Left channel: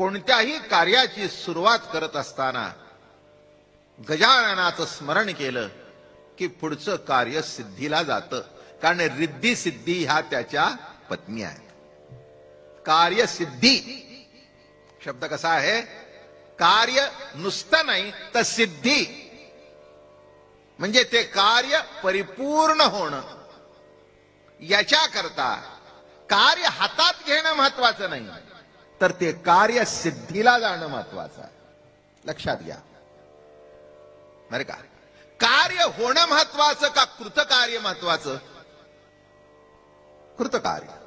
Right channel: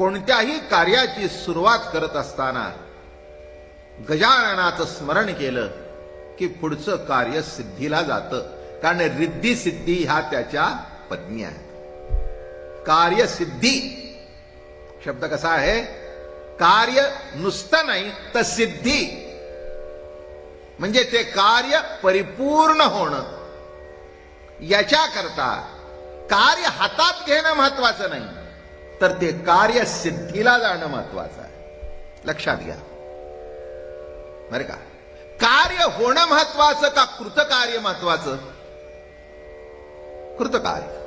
कोणत्याही कार्याची सुरुवात करत असताना गजाननाचं स्मरण केलं की पुढचं कार्य सिद्धीला जातं. कारण रिद्धी सिद्धी ह्या त्याच्या पत्नी आहेत. कार्यसिद्धी शब्द कसा आहे? कार्य नुसतं नाही तर सिद्धी, म्हणजे ते कार्य परिपूर्ण होणं. याच्याकरता कार्य हातात घेणं महत्वाचं नाही, तर ते कार्य सिद्धीला जाणं महत्वाचं आहे. लक्षात घ्या बरं का. कार्य होणं महत्वाचं का कृतकार्य महत्वाचं? कृतकार्य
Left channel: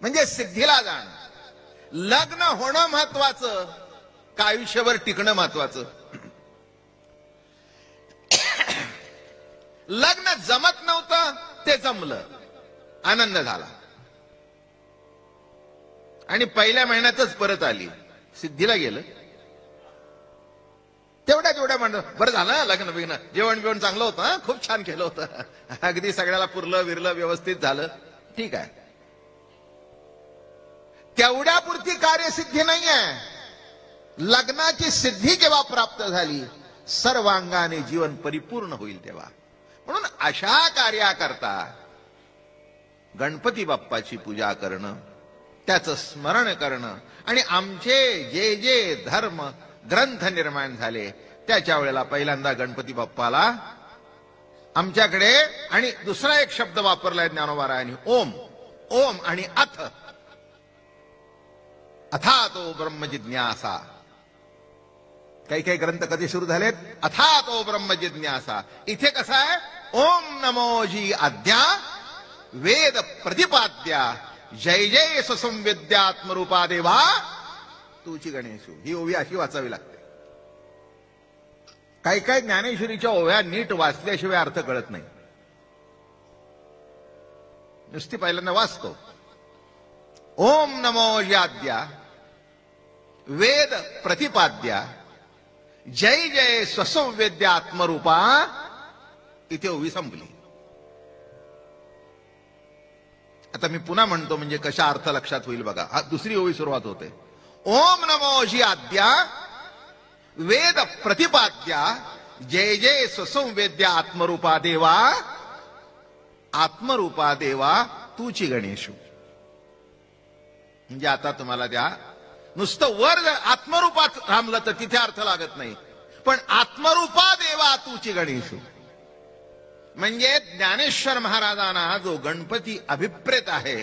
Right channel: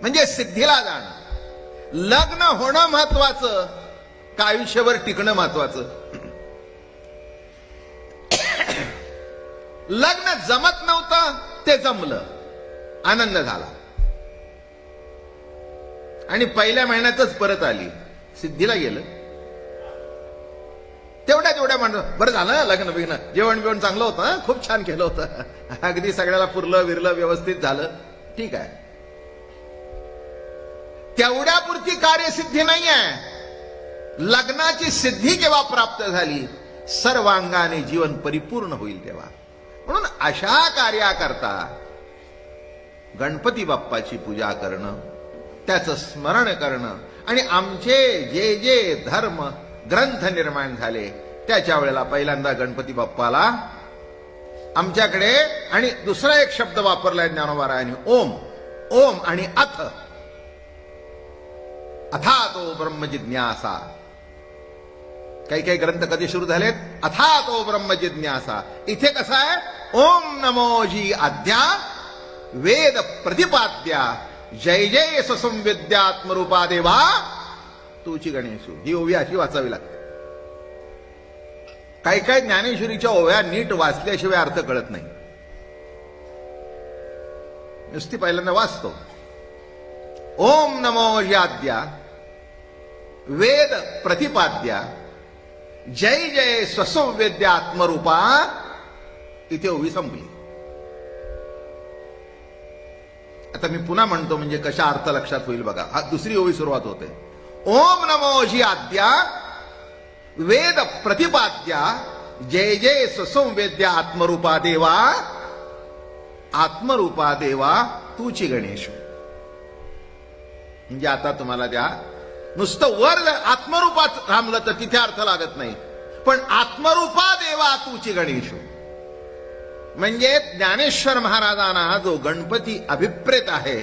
म्हणजे सिद्धीला जाणं. लग्न होणं महत्वाचं का आयुष्यभर टिकणं महत्वाचं? लग्न जमत नव्हतं, ते जमलं, आनंद झाला आणि पहिल्या महिन्यातच परत आली, सिद्धीला गेलं. तेवढ्या म्हणून बरं झालं, लग्न बिग्न जेवण बिवण चांगलं होतं, खूप छान केलं होतं, अगदी सगळ्याला पुरलं विरलं, व्यवस्थित झालं, ठीक आहे. तेवढ्यापुरती कार्यसिद्धी नाही आहे. लग्नाची सिद्धी जेव्हा प्राप्त झाली, सर्वांगाने जीवन परिपूर्ण होईल तेव्हा. म्हणून अशा कार्याकरता गणपती बाप्पाची पूजा करणं, त्याचं स्मरण करणं आणि आमचे जे जे धर्म ग्रंथ निर्माण झाले त्याच्या वेळेला पहिल्यांदा गणपती बाप्पाला आमच्याकडे, आणि दुसरा एक शब्द वापरलाय ज्ञानोबारायांनी, ओम. ओम आणि अथ, अथातो ब्रह्म जिज्ञासा. काही काही ग्रंथ कधी सुरू झालेत? अथातो ब्रह्म जिज्ञासा. इथे कसं आहे? ओम नमोजी आद्या वेद प्रतिपाद्या जय जय ससंविद्यात्मरूपा देवा तुची गणेशू. ही ओवी अशी वाचावी लागते. काही काही ज्ञानेश्वरीच्या ओव्या नीट वाचल्याशिवाय अर्थ कळत नाही. नुसती पहिल्यांदा वाचतो. ओम नमो याद्या वेद प्रतिपाद्या जय जय स्वसंवेद्यात्मरूपा. इथे ओवी संपली. आता मी पुन्हा म्हणतो म्हणजे कशा अर्थ लक्षात होईल बघा. हा दुसरी ओवी सुरुवात होते. ओम नमोजी आद्या वेद प्रतिपाद्या जय जय स्वसंवेद्या आत्मरूपा देवा. आत्मरूपा देवा तूची गणेश. म्हणजे आता तुम्हाला त्या नुसतं वर आत्मरूपात थांबलं तर तिथे अर्थ लागत नाही, पण आत्मरूपा देवा तूची गणेश म्हणजे ज्ञानेश्वर महाराजांना जो गणपती अभिप्रेत आहे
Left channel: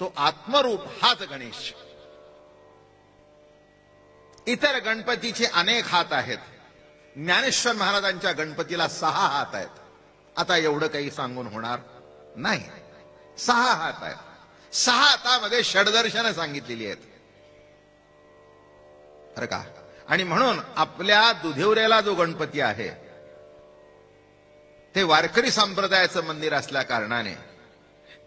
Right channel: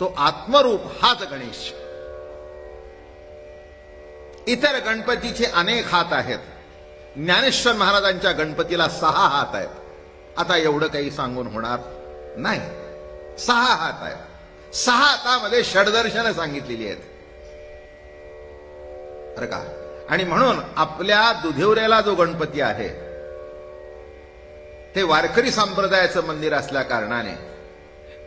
तो आत्मरूप हाच गणेश. इतर गणपतीचे अनेक हात आहेत. ज्ञानेश्वर महाराजांच्या गणपतीला 6 हात आहेत. आता एवढं काही सांगून होणार नाही. 6 हात आहेत. 6 हातामध्ये षडदर्शनं सांगितलेली आहेत बरं का. आणि म्हणून आपल्या दुधिवऱ्याला जो गणपती आहे ते वारकरी संप्रदायाचं मंदिर असल्या कारणाने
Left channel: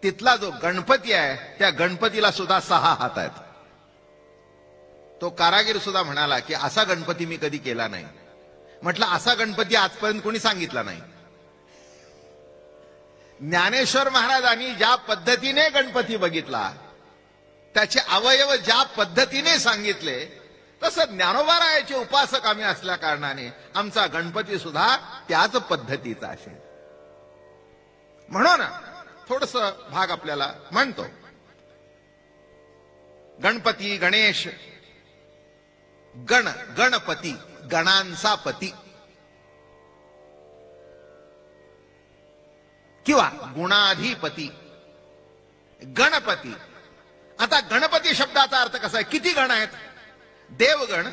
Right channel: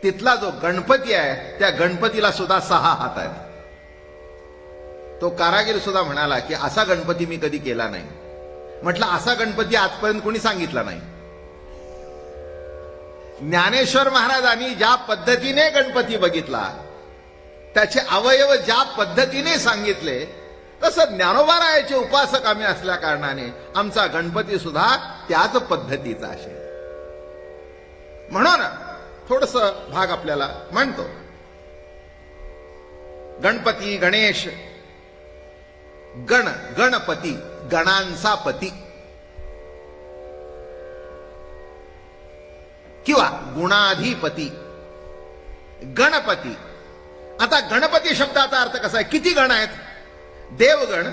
तिथला जो गणपती आहे त्या गणपतीला सुद्धा 6 हात आहेत. तो कारागीर सुद्धा म्हणाला की असा गणपती मी कधी केला नाही. म्हटलं असा गणपती आजपर्यंत कोणी सांगितला नाही. ज्ञानेश्वर महाराजांनी ज्या पद्धतीने गणपती बघितला, त्याचे अवयव ज्या पद्धतीने सांगितले, तसं ज्ञानोबारायाचे उपासक आम्ही असल्या कारणाने आमचा गणपती सुद्धा त्याच पद्धतीचा असेल. म्हणून थोडस भाग आपल्याला म्हणतो. गणपती गणेश, गण गणपती, गणांचा पती किंवा गुणाधिपती गणपती. आता गणपती शब्दाचा अर्थ कसा आहे? किती गण आहेत? देवगण,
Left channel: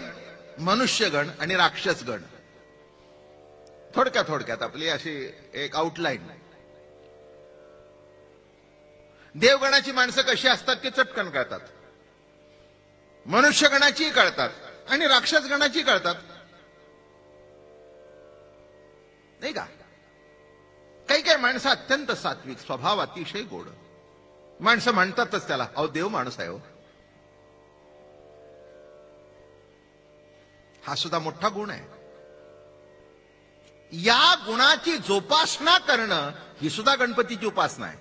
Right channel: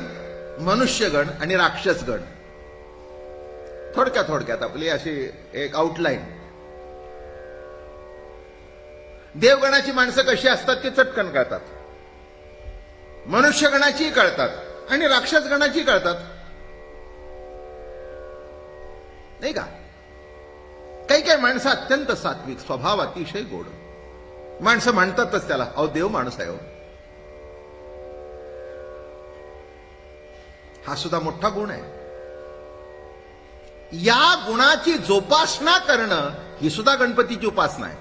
मनुष्यगण आणि राक्षसगण. थोडक्यात आपली अशी एक आउटलाईन. देवगणाची माणसं कशी असतात ते चटकन कळतात, मनुष्यगणाची कळतात आणि राक्षसगणाची कळतात, नाही का. काही काही माणसं अत्यंत सात्विक, स्वभाव अतिशय गोड. माणसं म्हणतातच त्याला अहो देव माणूस आहे. हा सुद्धा मोठा गुण आहे. या गुणाची जोपासना करणं ही सुद्धा गणपतीची उपासना आहे.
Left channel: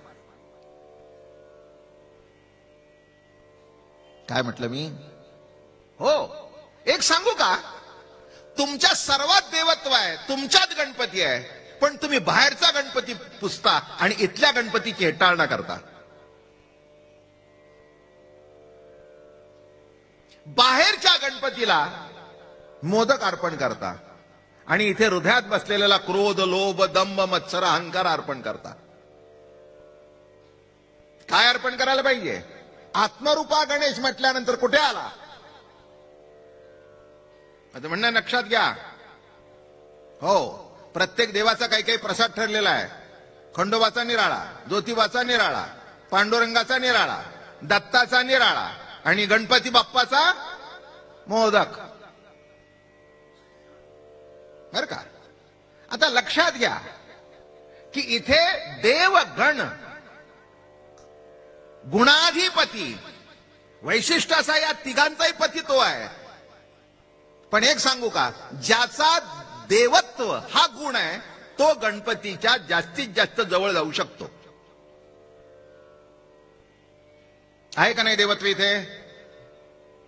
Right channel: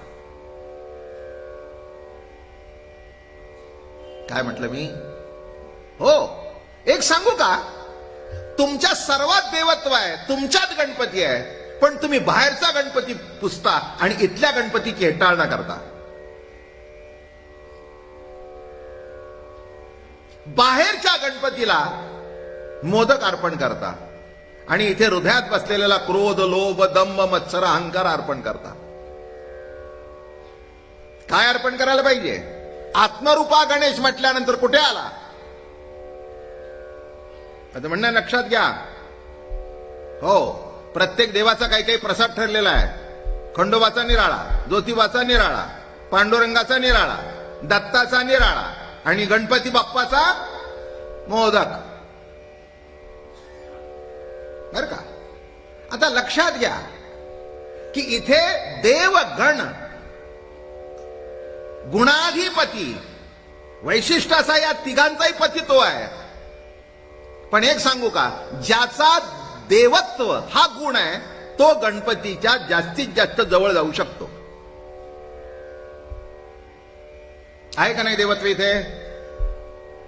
काय म्हटलं मी? हो, एक सांगू का, तुमच्या सर्वात देवत्व आहे, तुमच्यात गणपती आहे, पण तुम्ही बाहेरचा गणपती पुजता आणि इथल्या गणपतीची हेटाळणा करता. बाहेरच्या गणपतीला मोदक अर्पण करता आणि इथे हृदयात बसलेला क्रोध, लोभ, दंभ, मत्सर, अहंकार अर्पण करता. काय अर्पण करायला पाहिजे? आत्मरूपा गणेश म्हटल्यानंतर कुठे आला? आता म्हणणं लक्षात घ्या. हो, प्रत्येक देवाचा काही काही प्रसाद ठरलेला आहे. खंडोबाचा निराळा, ज्योतिबाचा निराळा, पांडुरंगाचा निराळा, दत्ताचा निराळा आणि गणपती बाप्पाचा मोदक. बर का? आता लक्षात घ्या की इथे देवगण, गुणाधिपती, वैशिष्ट्य असा या तिघांचाही पती तो आहे. पण एक सांगू का, ज्याचा देवत्व हा गुण आहे तो गणपतीच्या जास्तीत जास्त जवळ जाऊ शकतो. आहे का नाही देवत्व इथे?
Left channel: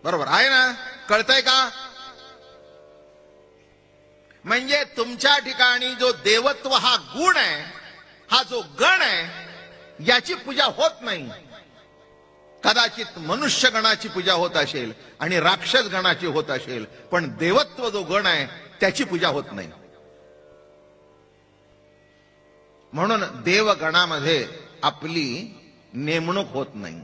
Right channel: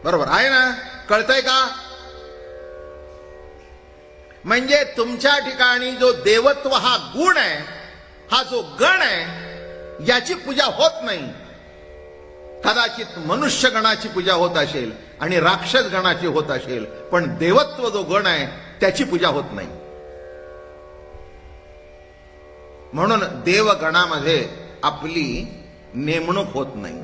बरोबर आहे ना? कळतंय का? म्हणजे तुमच्या ठिकाणी जो देवत्व हा गुण आहे, हा जो गण आहे, याची पूजा होत नाही. कदाचित मनुष्य गणाची पूजा होत असेल आणि राक्षस गणाची होत असेल, पण देवत्व जो गण आहे त्याची पूजा होत नाही. म्हणून देवगणामध्ये आपली नेमणूक होत नाही,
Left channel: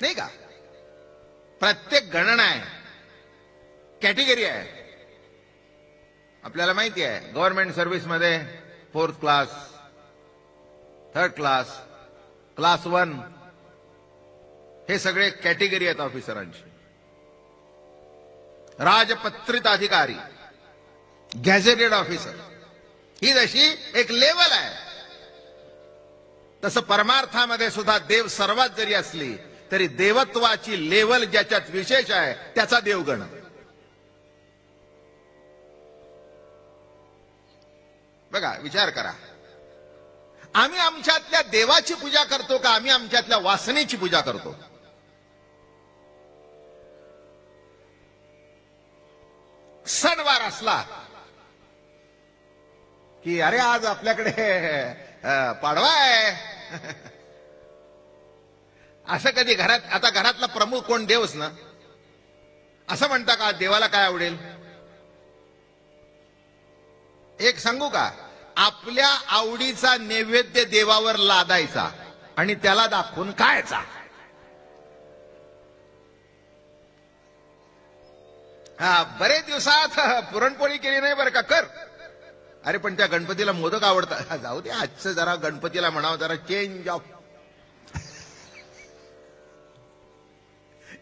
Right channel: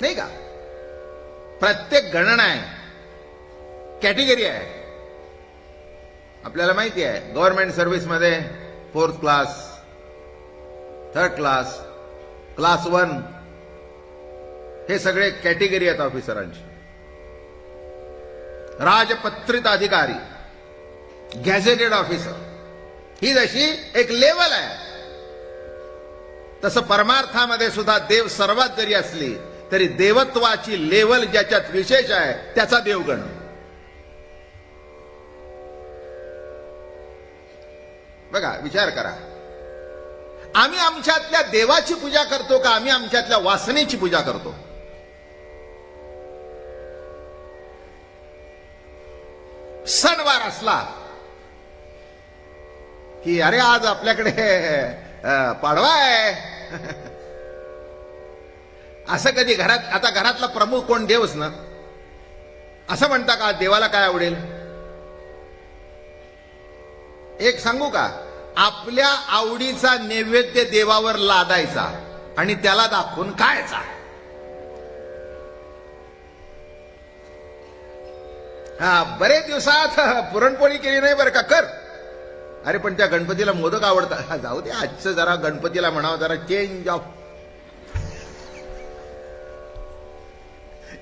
नाही का? प्रत्येक गणना आहे, कॅटेगरी आहे. आपल्याला माहिती आहे गव्हर्नमेंट सर्व्हिसमध्ये 4th class, 3rd class, class 1 हे सगळे कॅटेगरी आहेत ऑफिसरांची. राजपत्रित अधिकारी, गॅझेटेड ऑफिसर, ही जशी एक लेवल आहे, तसं परमार्थामध्ये सुद्धा देव सर्वात जरी असली तरी देवत्वाची लेवल ज्याच्यात विशेष आहे त्याचा देवगण. बघा, विचार करा, आम्ही आमच्यातल्या देवाची पूजा करतो का आम्ही आमच्यातल्या वासनेची पूजा करतो? सणवार असला की अरे आज आपल्याकडे पाडवा आहे, असं कधी घरात, आता घरातला प्रमुख कोण? देवच ना. असं म्हणता का देवाला काय आवडेल? एक सांगू का, आपल्या आवडीचा नैवेद्य देवावर लादायचा आणि त्याला दाखवून खायचा. बरेच दिवसात पुरणपोळी केली नाही बरं का, कर. अरे पण त्या गणपतीला मोदक आवडतात, जाऊ दे आजचं जरा गणपतीला म्हणावं जरा चेंज ऑफ.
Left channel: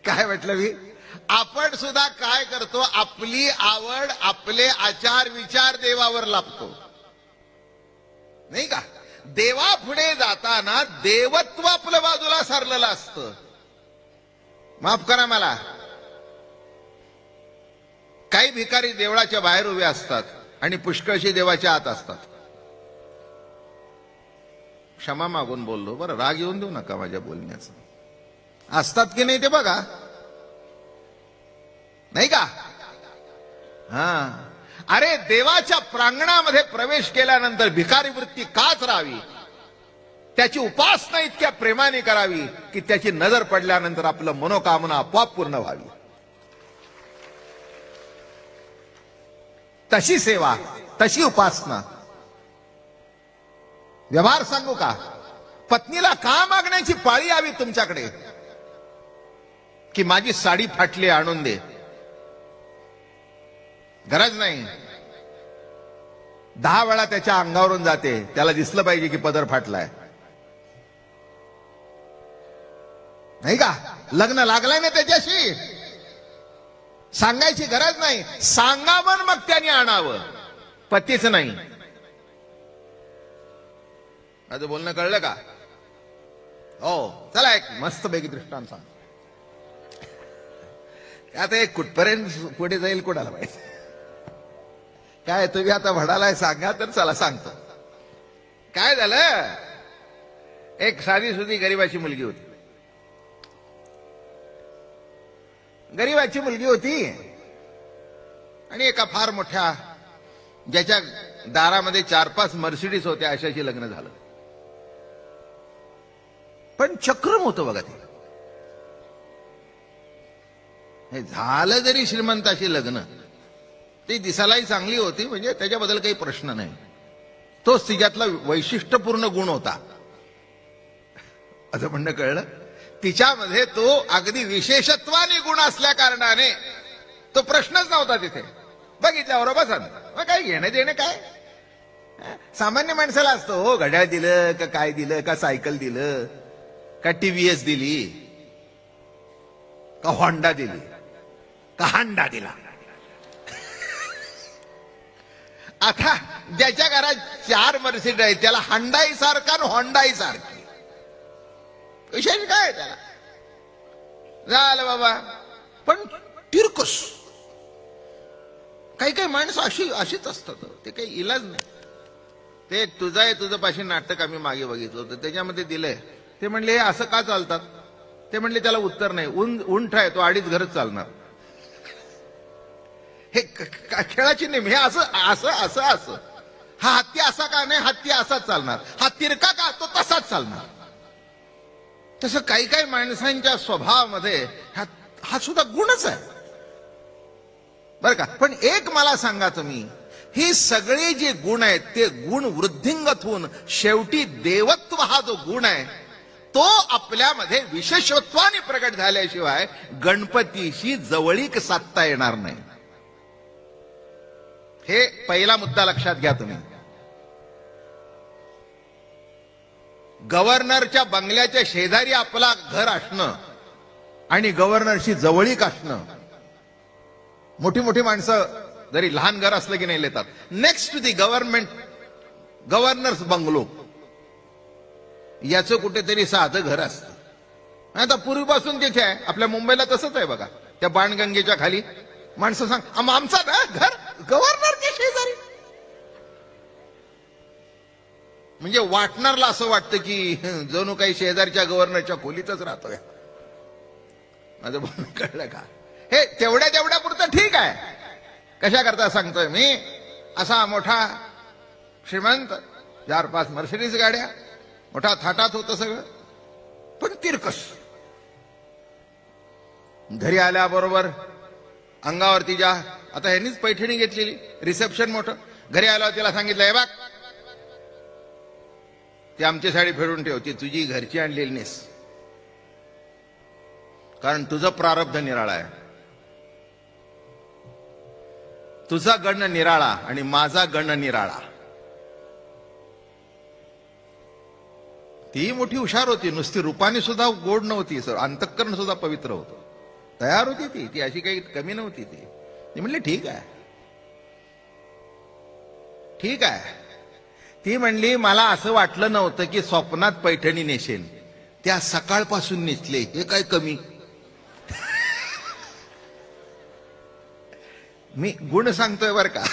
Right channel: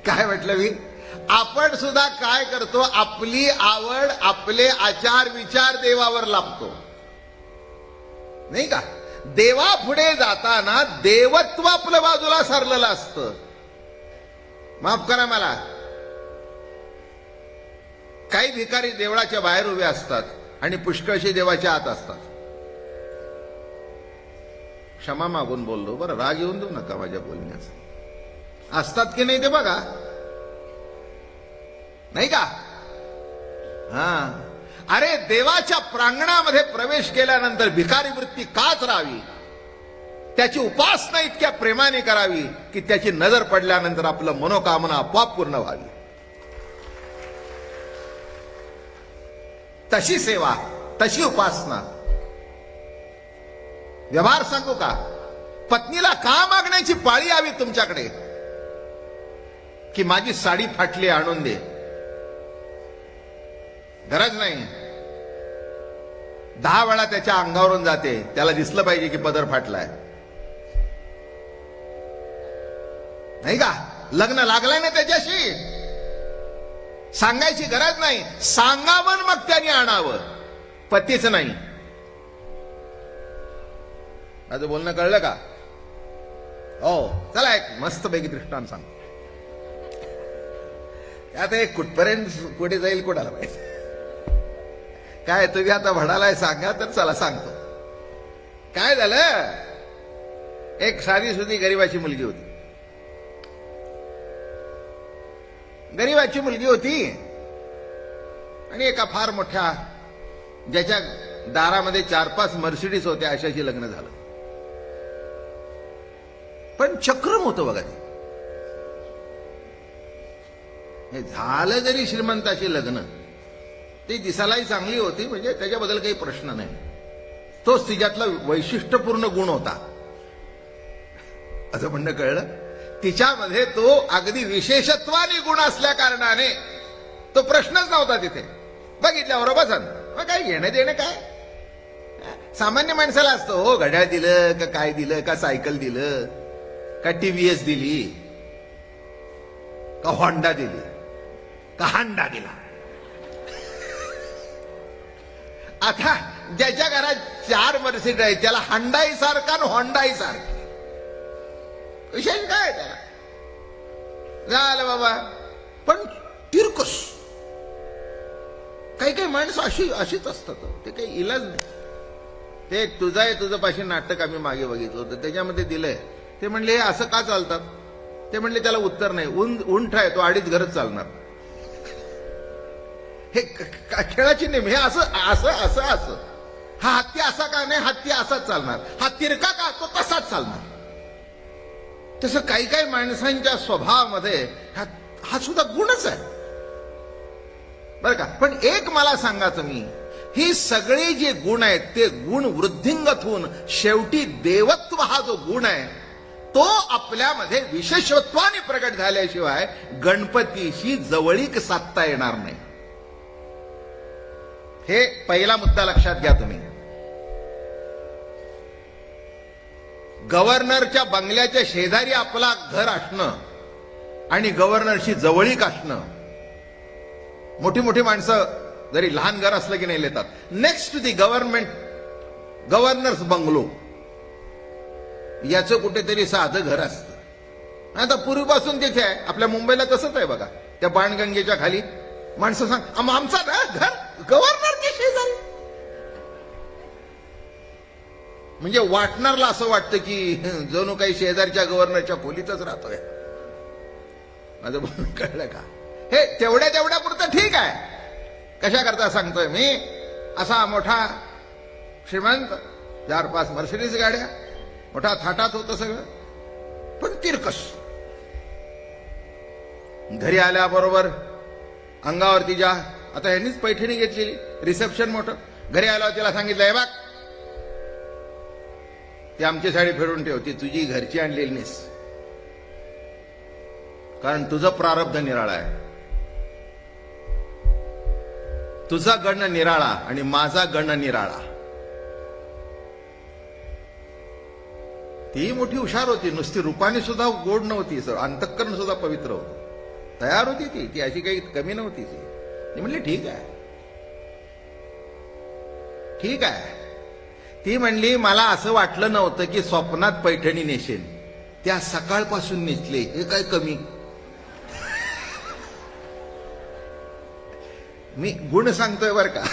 काय म्हटलं मी? आपण सुद्धा काय करतो, आपली आवड, आपले आचार विचार देवावर लाभतो, नाही का? देवा पुढे जाताना देवत्व आपलं बाजूला सरलेलं असतं. माफ करा मला, काही भिकारी देवळाच्या बाहेर उभे असतात आणि पुष्कळशी देवाच्या आत असतात. क्षमा मागून बोललो बरं, राग येऊन देऊ नका माझ्या बोलण्याचा. असतात की नाही ते बघा, नाही का? अरे देवाच्या प्रांगणामध्ये प्रवेश केल्यानंतर भिकारी वृत्ती काच राहावी, त्याची उपासना इतक्या प्रेमाने करावी की त्याची नजर पडल्यानंतर आपलं मनोकामना आपोआप पूर्ण व्हावी. तशी सेवा, तशी उपासना. व्यवहार सांगू का, पत्नीला का मागण्याची पाळी यावी तुमच्याकडे की माझी साडी फाटली आणून दे? गरज नाही. 10 वेळा त्याच्या अंगावरून जाते, त्याला दिसलं पाहिजे की पदर फाटलाय, नाही का? लग्न लागलंय ना त्याच्याशी, सांगायची गरज नाही. सांगावं मग त्याने आणावं, पतीच नाही. माझं बोलणं कळलं का? हो, चला एक मस्तपैकी दृष्टांत सांगतो. आता एक कुठपर्यंत कुठे जाईल कोणाला माहिती. काय तुम्ही आता म्हणालाय सांगा तर चला सांगतो. काय झालं, एक साधी सुधी गरीबाची मुलगी होती. गरीबाची मुलगी होती आणि एका फार मोठ्या ज्याच्या दारामध्ये 4-5 मर्सिडीज होत्या अशाशी लग्न झालं. पण चक्रम होतं बघा ते. झालं जरी श्रीमंताचे लग्न, ती दिसायलाही चांगली होती, म्हणजे त्याच्याबद्दल काही प्रश्न नाही. तोच तिच्यातला वैशिष्ट्यपूर्ण गुण होता असं म्हणणं कळलं. तिच्यामध्ये तो अगदी विशेषत्वाने गुण असल्या कारणाने तो प्रश्नच नव्हता तिथे. बघितल्यावर बसा मग काय घेणं देणं काय. सामान्य माणसाला असतो, हो घड्याळ दिलं का काय दिलं का सायकल दिलं का टीव्हीएस दिली का होंडा दिली का हांडा दिला. आता ज्याच्या घरात 4 मर्सिडीज आहेत त्याला हांडाही सारखा आणि होंडाही सारखा. विषय काय झालं बाबा. पण तिरकस काही काही माणसं अशीच असतात, ते काही इलाज नाही. ते तुझं पाशी नाटक आम्ही मागे बघितलं होतं, त्याच्यामध्ये दिलंय. ते म्हणले हे असं का चालतात. ते म्हणले त्याला उत्तर नाही. उंट आहे तो 2.5 घरच चालणार. हे खेळाची नेम. हे असं असं असं असं. हा हत्ती असा का नाही, हत्ती असाच चालणार. हा तिरका का असतो तसाच चालणार. तसं काही काही माणसांच्या स्वभावामध्ये हा सुद्धा गुणच आहे बरं का. पण एक मला सांगा तुम्ही, हे सगळे जे गुण आहेत ते गुण वृद्धिंगत होऊन शेवटी देवत्व हा जो गुण आहे तो आपल्यामध्ये विशेषत्वाने प्रगट झाल्याशिवाय गणपतीशी जवळीक साधता येणार नाही. हे पहिला मुद्दा लक्षात घ्या तुम्ही. गव्हर्नरच्या बंगल्याच्या शेजारी आपला घर असणं आणि गव्हर्नरशी जवळीक असणं, मोठी मोठी माणसं जरी लहान घर असलं की नाही येतात. Next to the governor's bungalow याचं कुठेतरी साधं घर असतं. आता पूर्वीपासून तिथे आहे. आपल्या मुंबईला तसंच आहे बघा. त्या बाणगंगेच्या खाली माणसं सांग आमचा घर गव्हर्नरच्या शेजारी. म्हणजे वाटणारला असं वाटतं की जणू काही शेजारच्या गव्हर्नरच्या खोलीतच राहतोय. माझं बोलणं कळलं का. हे तेवढ्या पुरतं ठीक आहे. कशा करता सांगतोय मी, असा मोठा श्रीमंत 4-5 मर्सिडीज गाड्या, मोठा थाटात होतं सगळं, पण तिरकस. घरी आल्याबरोबर अंगावरती ज्या आता यांनीच पैठणी घेतली, रिसेप्शन मोठं. घरी आल्यावर तिला सांगितलंय बघ ती आमची साडी फेडून ठेव, ती तुझी घरची आणलेली नाहीस, कारण तुझं प्रारब्ध निराळा आहे. तुझा गण निराळा आणि माझा गण निराळा. ती मोठी हुशार होती, नुसती रूपाने सुद्धा गोड नव्हती सर, अंतःकरण सुद्धा पवित्र होतं. तयार होती ती अशी काही कमी नव्हती. ती म्हणली ठीक आहे ठीक आहे. ती म्हणली मला असं वाटलं नव्हतं की स्वप्नात पैठणी नेसेल, त्या सकाळपासून नेसले, हे काय कमी. मी गुण सांगतोय बर का.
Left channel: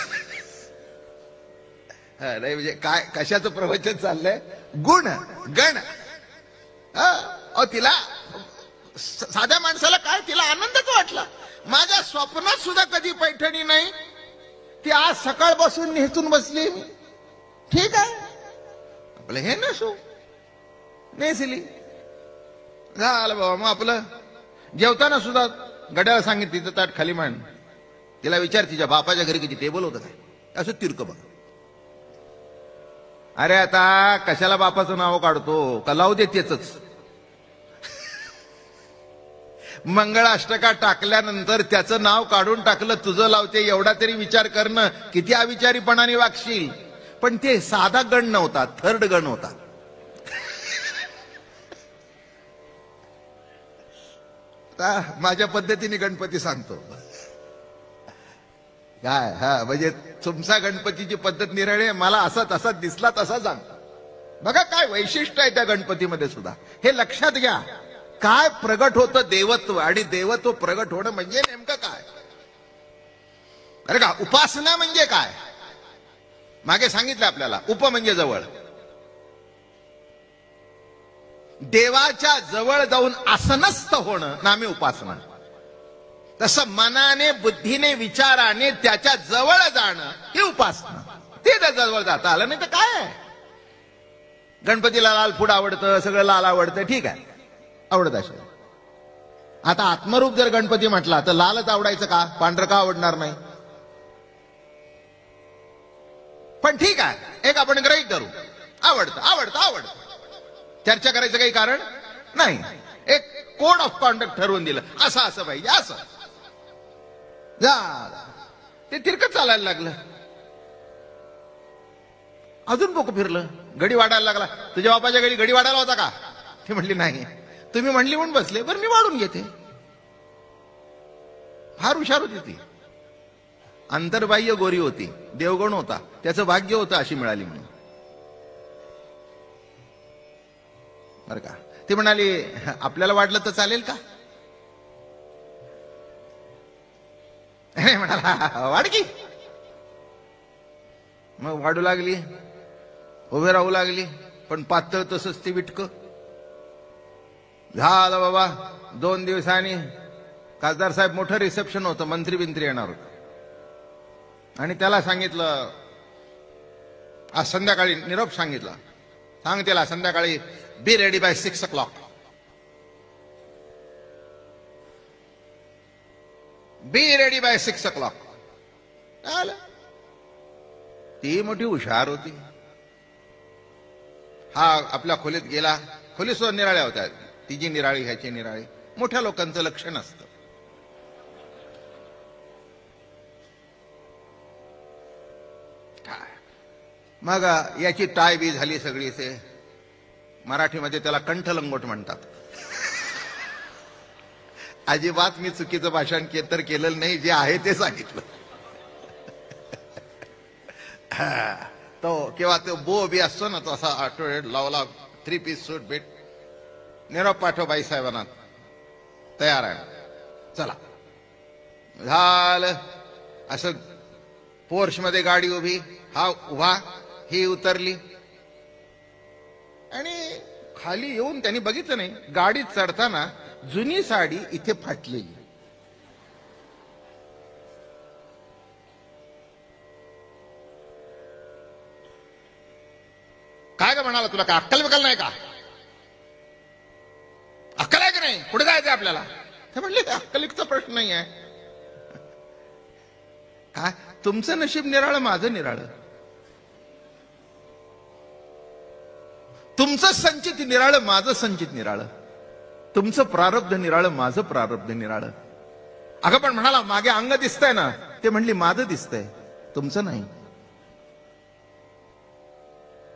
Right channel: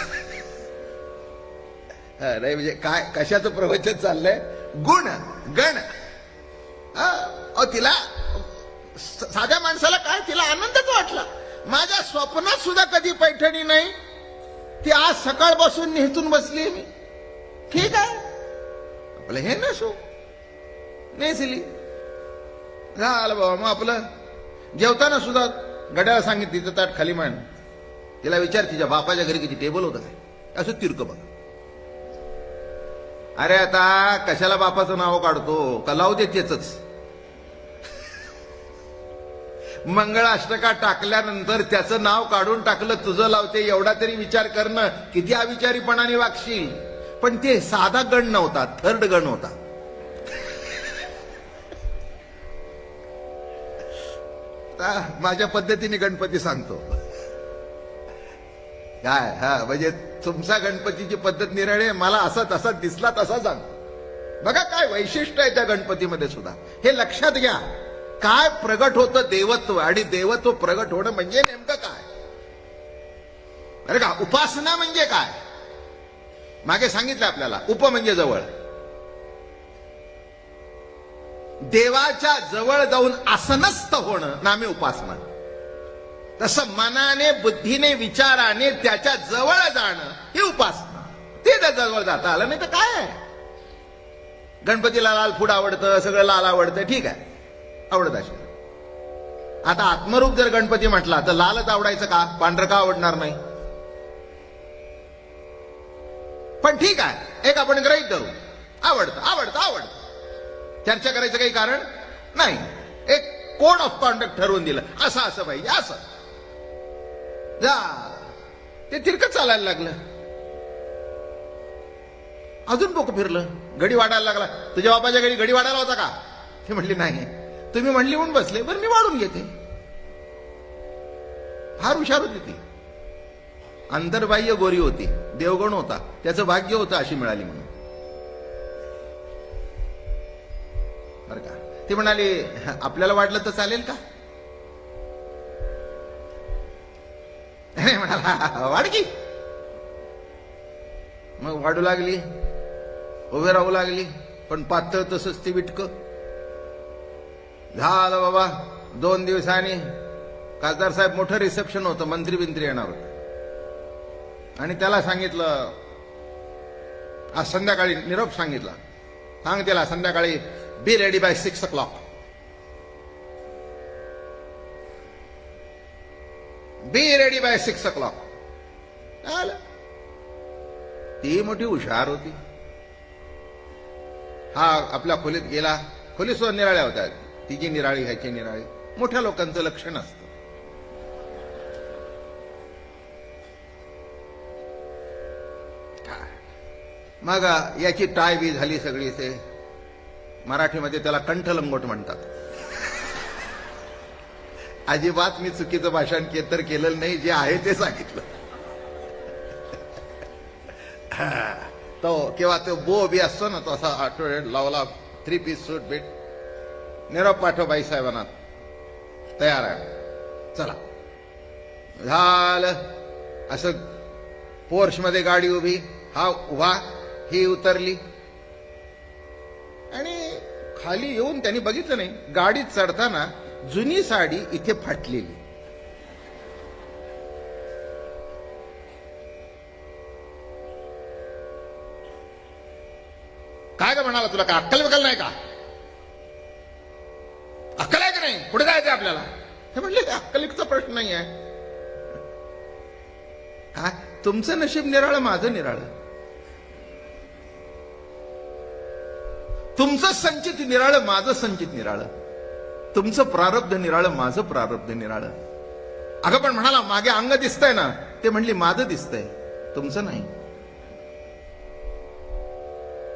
नाही म्हणजे काय कशाचं प्रवचन चाललंय. गुण गण. तिला साध्या माणसाला काय, तिला आनंदच वाटला. माझ्या स्वप्नात सुद्धा कधी पैठणी नाही, ती आज सकाळपासून निहतून बसली. ठीक आहे आपलं हे नसो नेसली. झालं बाबा. मग आपलं जेवताना सुद्धा घड्याळ सांगितली तिचं ताट खाली मान. तिला विचार तिच्या बापाच्या घरी किती टेबल होतं काय, असं तिरकं बघा. अरे आता कशाला बापाचं नाव काढतो का, लावू दे तेच. मंगळाष्टका टाकल्यानंतर त्याचं नाव काढून टाकलं, तुझं लावते एवढा तरी विचार करणं, किती अविचारीपणाने वागशील. पण ते साधा गण नव्हता, थर्ड गण होता. माझ्या पद्धतीने गणपती सांगतो काय. म्हणजे तुमचा गणपतीची पद्धत निराळी, मला असा तसा दिसला तसा सांग. बघा काय वैशिष्ट्य आहे त्या गणपतीमध्ये सुद्धा. हे लक्षात घ्या. काय प्रगट होतं देवत्व, आणि देवत्व प्रगट होणं म्हणजे नेमकं काय बरं का. उपासना म्हणजे काय मागे सांगितलं आपल्याला. उप म्हणजे जवळ. देवाच्या जवळ जाऊन आसनस्थ होणं नामे उपासना. तसं मनाने, बुद्धीने, विचाराने त्याच्या जवळ जाणं हे उपासना. ते जर जवळ जाता आलं नाही तर काय. गणपतीला लाल फूड आवडतं, सगळं लाल आवडतं, ठीक आहे, आवडत असेल. आता आत्मरूप जर गणपती म्हटला तर लालच आवडायचं का, पांढरं का आवडणार नाही. पण ठीक आहे, एक आपण ग्रहित करू, आवडतं आवडतं आवडतं, चर्चा करायचं काही कारण नाही. एक कोड ऑफ कॉन्डक्ट ठरवून दिलं, असं असं पाहिजे, असं जा. ते तिरकत चालायला लागलं. अजून डोकं फिरलं, घडी वाढायला लागला. तुझ्या बापाच्या घडी घडी वाढायला होता का. ते म्हणली नाही, तुम्ही म्हणली म्हणून बसले, बरं मी वाढून घेते. फार हुशार होती ती. अंतर्बाह्य गोरी होती, देवगण होता, त्याचं भाग्य होतं अशी मिळाली म्हणून. बरं का. ते म्हणाले आपल्याला वाढलं तर चालेल का. म्हणाला वाढकी. मग वाढू लागली, उभे राहू लागली, पण पातळ तसंच ते विटकं झालं. बाबा 2 दिवसांनी खासदार साहेब मोठं रिसेप्शन होतं, मंत्री बिंत्री येणार होतं, आणि त्याला सांगितलं आज संध्याकाळी निरोप सांगितला, सांग त्याला संध्याकाळी be ready bye 6 o'clock. Be ready bye 6 o'clock. ती मोठी हुशार होती. हा आपल्या खोलीत गेला. खोली सुद्धा निराळ्या होत्या, तिची निराळी ह्याची निराळी. मोठ्या लोकांचं लक्ष नसतं. मग याची टाय बी झाली सगळी. ते मराठीमध्ये त्याला कंठलंगोट म्हणतात. अजिबात मी चुकीचं भाषण तर केलेलं नाही, जे आहे ते सांगितलं. तो किंवा तो बो बी असतो ना, तसा आठवड्यात लावला, 3 piece सूट भेट, निरोप पाठव बाई साहेबांना, तयार आहे, चला. झालं. असं पोर्श मध्ये गाडी उभी, हा उभा, ही उतरली, आणि खाली येऊन त्यांनी बघितलं नाही, गाडीत चढताना जुनी साडी इथे फाटलेली. काय का म्हणाला, तुला काय अक्कल बघाल नाही का, अक्कल आहे का नाही, पुढे जायचं आपल्याला. हे म्हटलं अक्कलीचा प्रश्न नाही आहे. तुमचं नशीब निराळं, माझं निराळं. तुमचं संचित निराळं, माझं संचित निराळं. तुमचं प्रारब्ध निराळं, माझं प्रारब्ध निराळं. अगं पण म्हणाला मागे अंग दिसतंय ना, ते म्हणली माझं दिसतंय, तुमचं नाही.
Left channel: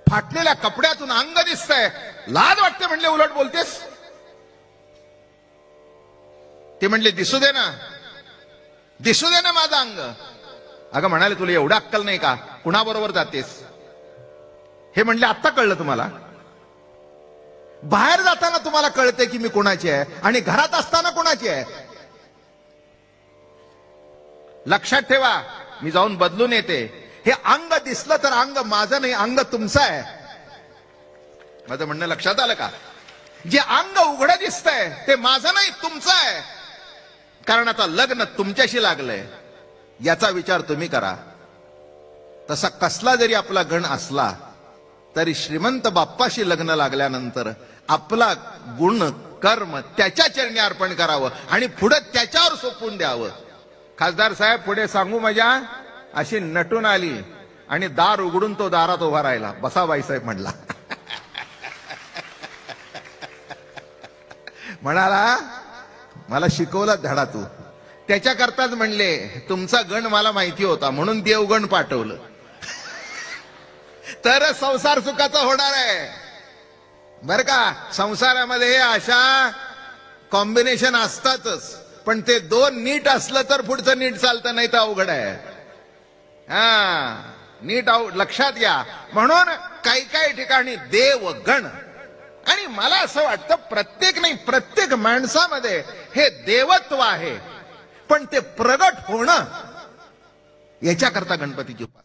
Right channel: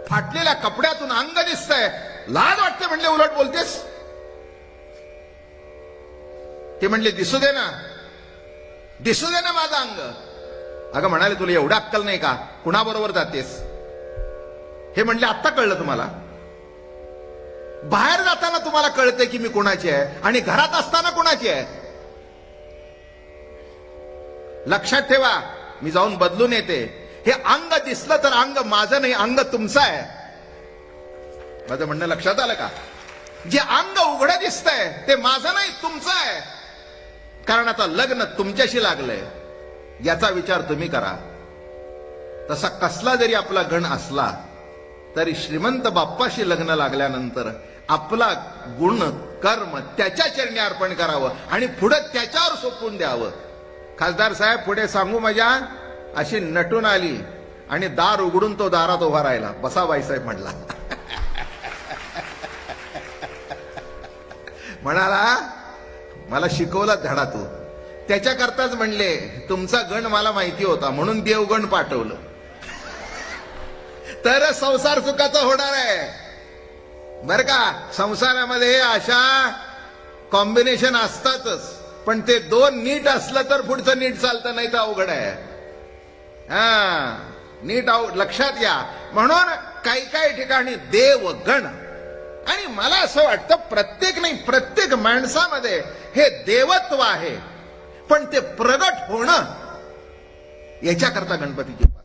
फाटलेल्या कपड्यातून अंग दिसतंय, लाज वाटते म्हणले, उलट बोलतेस. ते म्हणले दिसू दे ना, दिसू दे ना माझं अंग. अगं म्हणाले तुला एवढं अक्कल नाही का, कुणाबरोबर जातेस. हे म्हणले आत्ता कळलं तुम्हाला. बाहेर जाताना तुम्हाला कळतंय की मी कोणाची आहे, आणि घरात असताना कोणाची आहे. लक्षात ठेवा, मी जाऊन बदलून येते. हे अंग दिसलं तर अंग माझं नाही, अंग तुमचं आहे. माझं म्हणणं लक्षात आलं का. जे अंग उघडं दिसतंय ते माझं नाही, तुमचं आहे. कारण आता लग्न तुमच्याशी लागलंय, याचा विचार तुम्ही करा. तसा कसला जरी आपला गण असला तरी श्रीमंत बाप्पाशी लग्न लागल्यानंतर आपला गुण कर्म त्याच्या चरणी अर्पण करावं, आणि पुढे त्याच्यावर सोपवून द्यावं. खासदार साहेब पुढे सांगू मजा अशी नटून आली, आणि दार उघडून तो दारात उभा राहिला. बसा बाईसाहेब म्हणला. म्हणाला मला शिकवलं धडा तो. त्याच्याकरताच म्हणले तुमचा गण मला माहिती होता म्हणून देवगण पाठवलं, तर संसार सुखाचा होणार आहे. बर का. संसारामध्ये अशा कॉम्बिनेशन असतातच, पण ते 2 नीट असलं तर पुढचं नीट चालतं, नाही तर अवघड आहे. नीट लक्षात घ्या. म्हणून काही काही ठिकाणी देवगण, आणि मला असं वाटतं प्रत्येक नाही, प्रत्येक माणसामध्ये हे देवत्व आहे, पण ते प्रगट होणं याच्याकरता गणपतीची उपासना.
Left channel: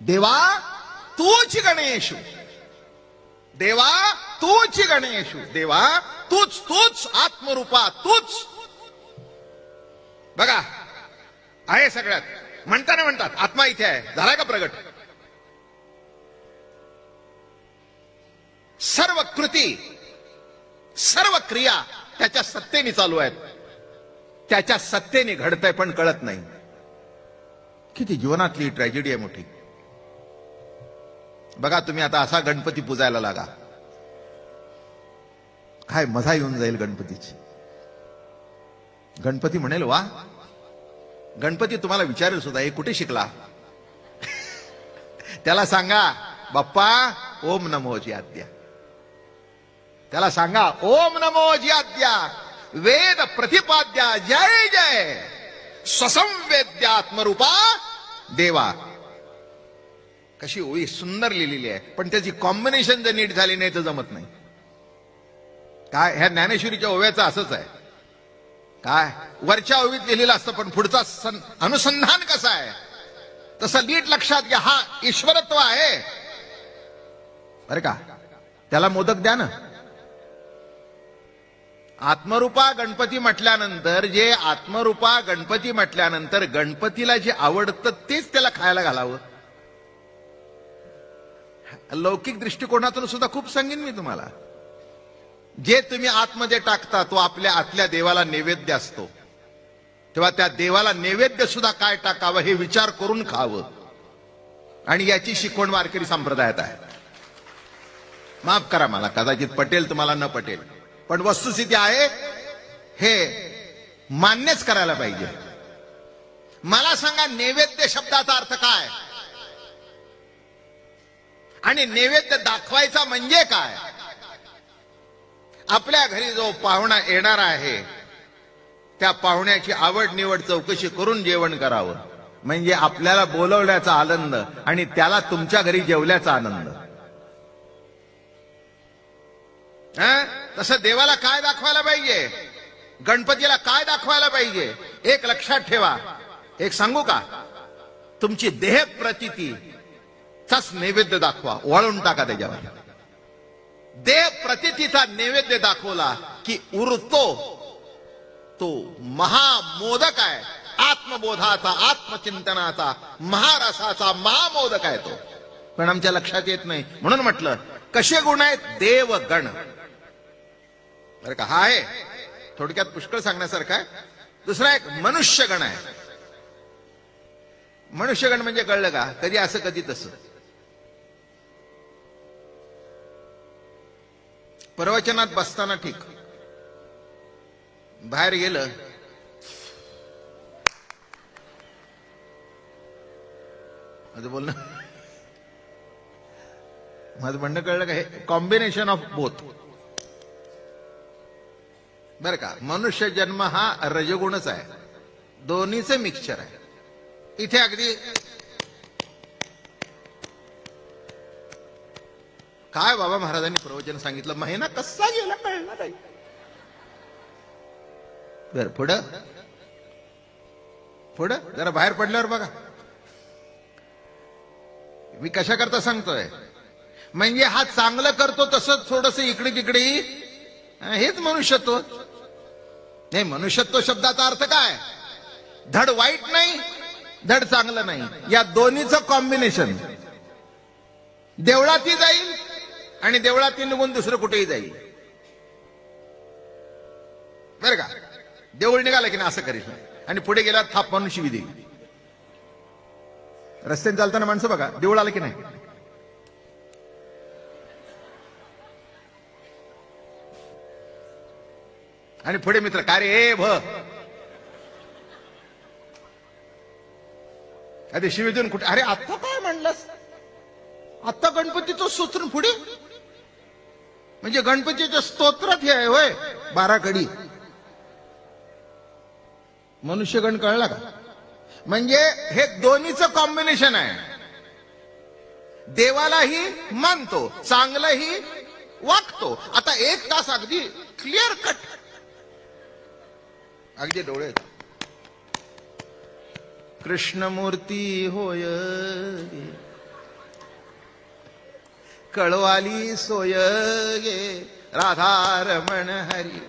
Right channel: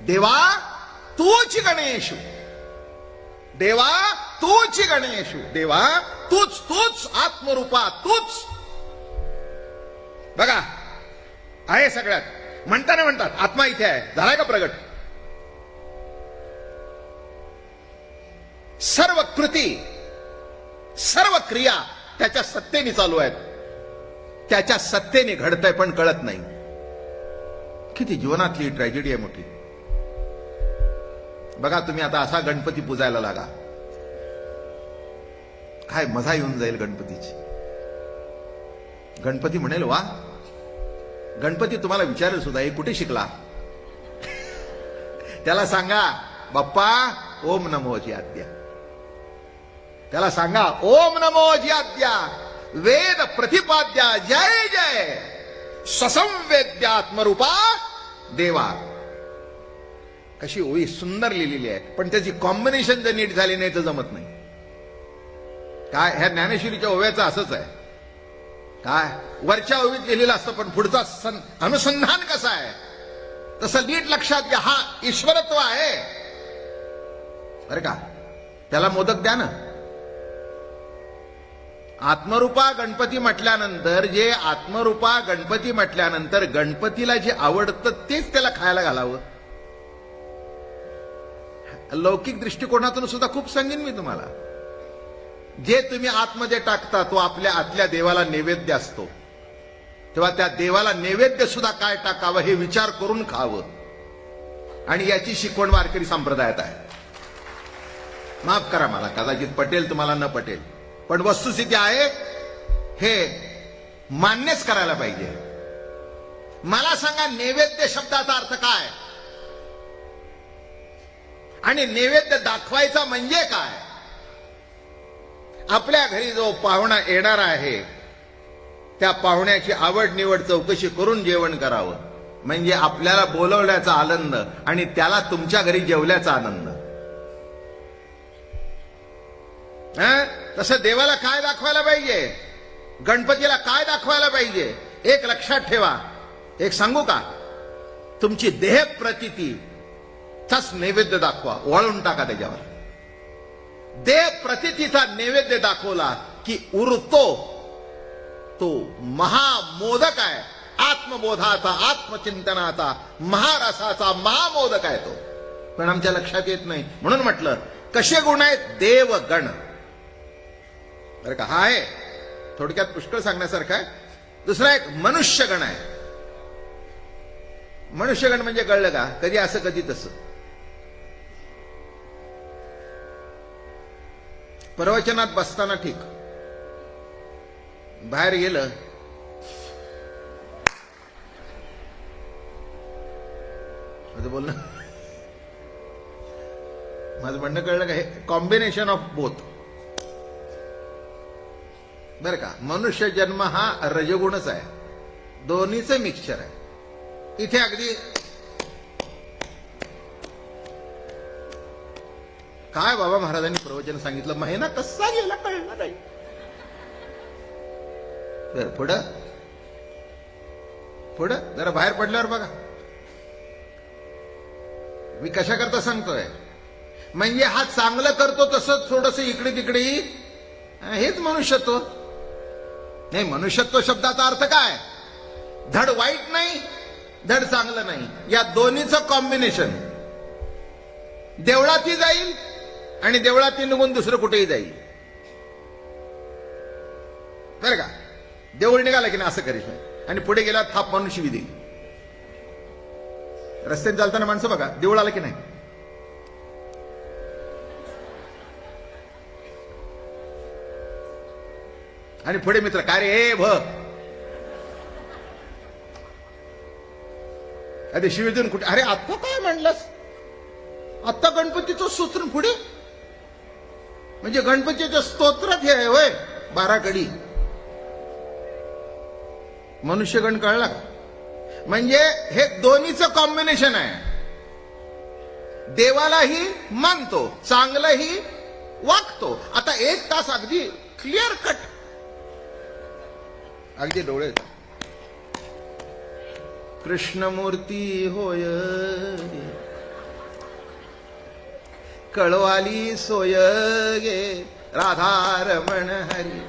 देवा तूच गणेश, देवा तूच गणेश, देवा तूच तूच आत्मरूपा तूच. आहे सगळ्यात. म्हणताना म्हणतात आत्मा इथे आहे, झाला का प्रगट? सर्व कृती, सर्व क्रिया त्याच्या सत्तेने चालू आहेत, त्याच्या सत्तेने घडतंय, पण कळत नाही. किती जीवनातली ट्रॅजेडी आहे मोठी. बघा तुम्ही आता असा गणपती पूजायला लागा, काय मजा येऊन जाईल गणपतीची. गणपती म्हणेल वा. गणपती तुम्हाला विचारेल सुद्धा, हे कुठे शिकला? त्याला सांगा बाप्पा ओम नमोजी आद्या. त्याला सांगा ओम नमोजी आद्या वेद प्रतिपाद्या जय जय स्वसंवेद्यात्मरूपा देवा. कशी ओळी सुंदर लिहिलेली आहे, पण त्याची कॉम्बिनेशन जर नीट झाली नाही तर जमत नाही. काय ह्या ज्ञानेश्वरीच्या ओव्याचं असंच आहे. काय वरच्या ओवीत लिहिलेलं असतं, पण पुढचा अनुसंधान कसं आहे तसं नीट लक्षात घ्या. हा ईश्वरत्व आहे बरं का. त्याला मोदक द्या ना. आत्मरूपा गणपती म्हटल्यानंतर, जे आत्मरूपा गणपती म्हटल्यानंतर गणपतीला जे आवडतं तेच त्याला खायला घालावं. लौकिक दृष्टिकोनातून सुद्धा खूप सांगेन मी तुम्हाला. जे तुम्ही आतमध्ये टाकता तो आपल्या आतल्या देवाला नैवेद्य असतो, तेव्हा त्या देवाला नैवेद्य सुद्धा काय टाकावं हे विचार करून खावं. आणि याची शिकवण वारकरी संप्रदायात आहे. माफ करा मला, कदाचित पटेल तुम्हाला न पटेल, पण वस्तुस्थिती आहे, हे मान्यच करायला पाहिजे. मला सांगा नैवेद्य शब्दाचा अर्थ काय आणि नैवेद्य दाखवायचा म्हणजे काय? आपल्या घरी जो पाहुणा येणार आहे त्या पाहुण्याची आवड निवड चौकशी करून जेवण करावं, म्हणजे आपल्याला बोलवण्याचा आनंद आणि त्याला तुमच्या घरी जेवल्याचा आनंद. तसं देवाला काय दाखवायला पाहिजे, गणपतीला काय दाखवायला पाहिजे, एक लक्षात ठेवा. एक सांगू का, तुमची देह प्रतिती तस नैवेद्य दाखवा, वळून टाका त्याच्यावर. देह प्रतितीचा नैवेद्य दाखवला की उरतो तो महामोदक आहे. आत्मबोधाचा, आत्मचिंतनाचा, महारसाचा महामोदक आहे तो. पण आमच्या लक्षात येत नाही. म्हणून म्हटलं कसे गुण आहेत देवगण. तर का आहे थोडक्यात पुष्कळ सांगण्यासारखं आहे. दुसरा एक मनुष्यगण आहे. मनुष्यगण म्हणजे कळलं का, कधी असं कधी तसं. प्रवचनात बसताना ठीक, बाहेर गेलं माझं बोलणं, माझं म्हणणं कळलं का, हे कॉम्बिनेशन ऑफ बोथ बर का. मनुष्य जन्म हा रजगुणच आहे, दोन्हीचं मिक्सचर आहे. इथे अगदी काय बाबा महाराजांनी प्रवचन सांगितलं, महिना कसा गेला कळलं नाही. बरं पुढं पुढं जरा बाहेर पडल्यावर बघा मी कशा करता सांगतोय. म्हणजे हा चांगलं करतो तसंच थोडस इकडे तिकडे, हेच मनुष्यत्व नाही. मनुष्यत्व शब्दाचा अर्थ काय, धड वाईट नाही धड चांगलं नाही, या दोन्हीचं कॉम्बिनेशन. देवळातही जाईल आणि देवळातही निघून दुसरं कुठेही जाईल बरं का. देऊळ निघालं की ना असं करीत आणि पुढे गेला थाप म्हणून शिवी देईल. रस्त्यात चालताना माणसं बघा, देऊळ आलं की नाही आणि पुढे मित्र का रे हे भ कधी शिवी देऊन कुठे, अरे आता काय म्हणलंस, आता गणपतीचं स्तोत्र पुढे, म्हणजे गणपतीच्या स्तोत्रात हे आहे होय 12 कडी. मनुष्यगण कळला, म्हणजे हे दोन्हीचं कॉम्बिनेशन आहे. देवालाही मानतो, चांगलंही वागतो. आता 1 तास अगदी क्लिअर कट, अगदी डोळे, कृष्णमूर्ती होय कळवाली सोय गे राधारमण हरी.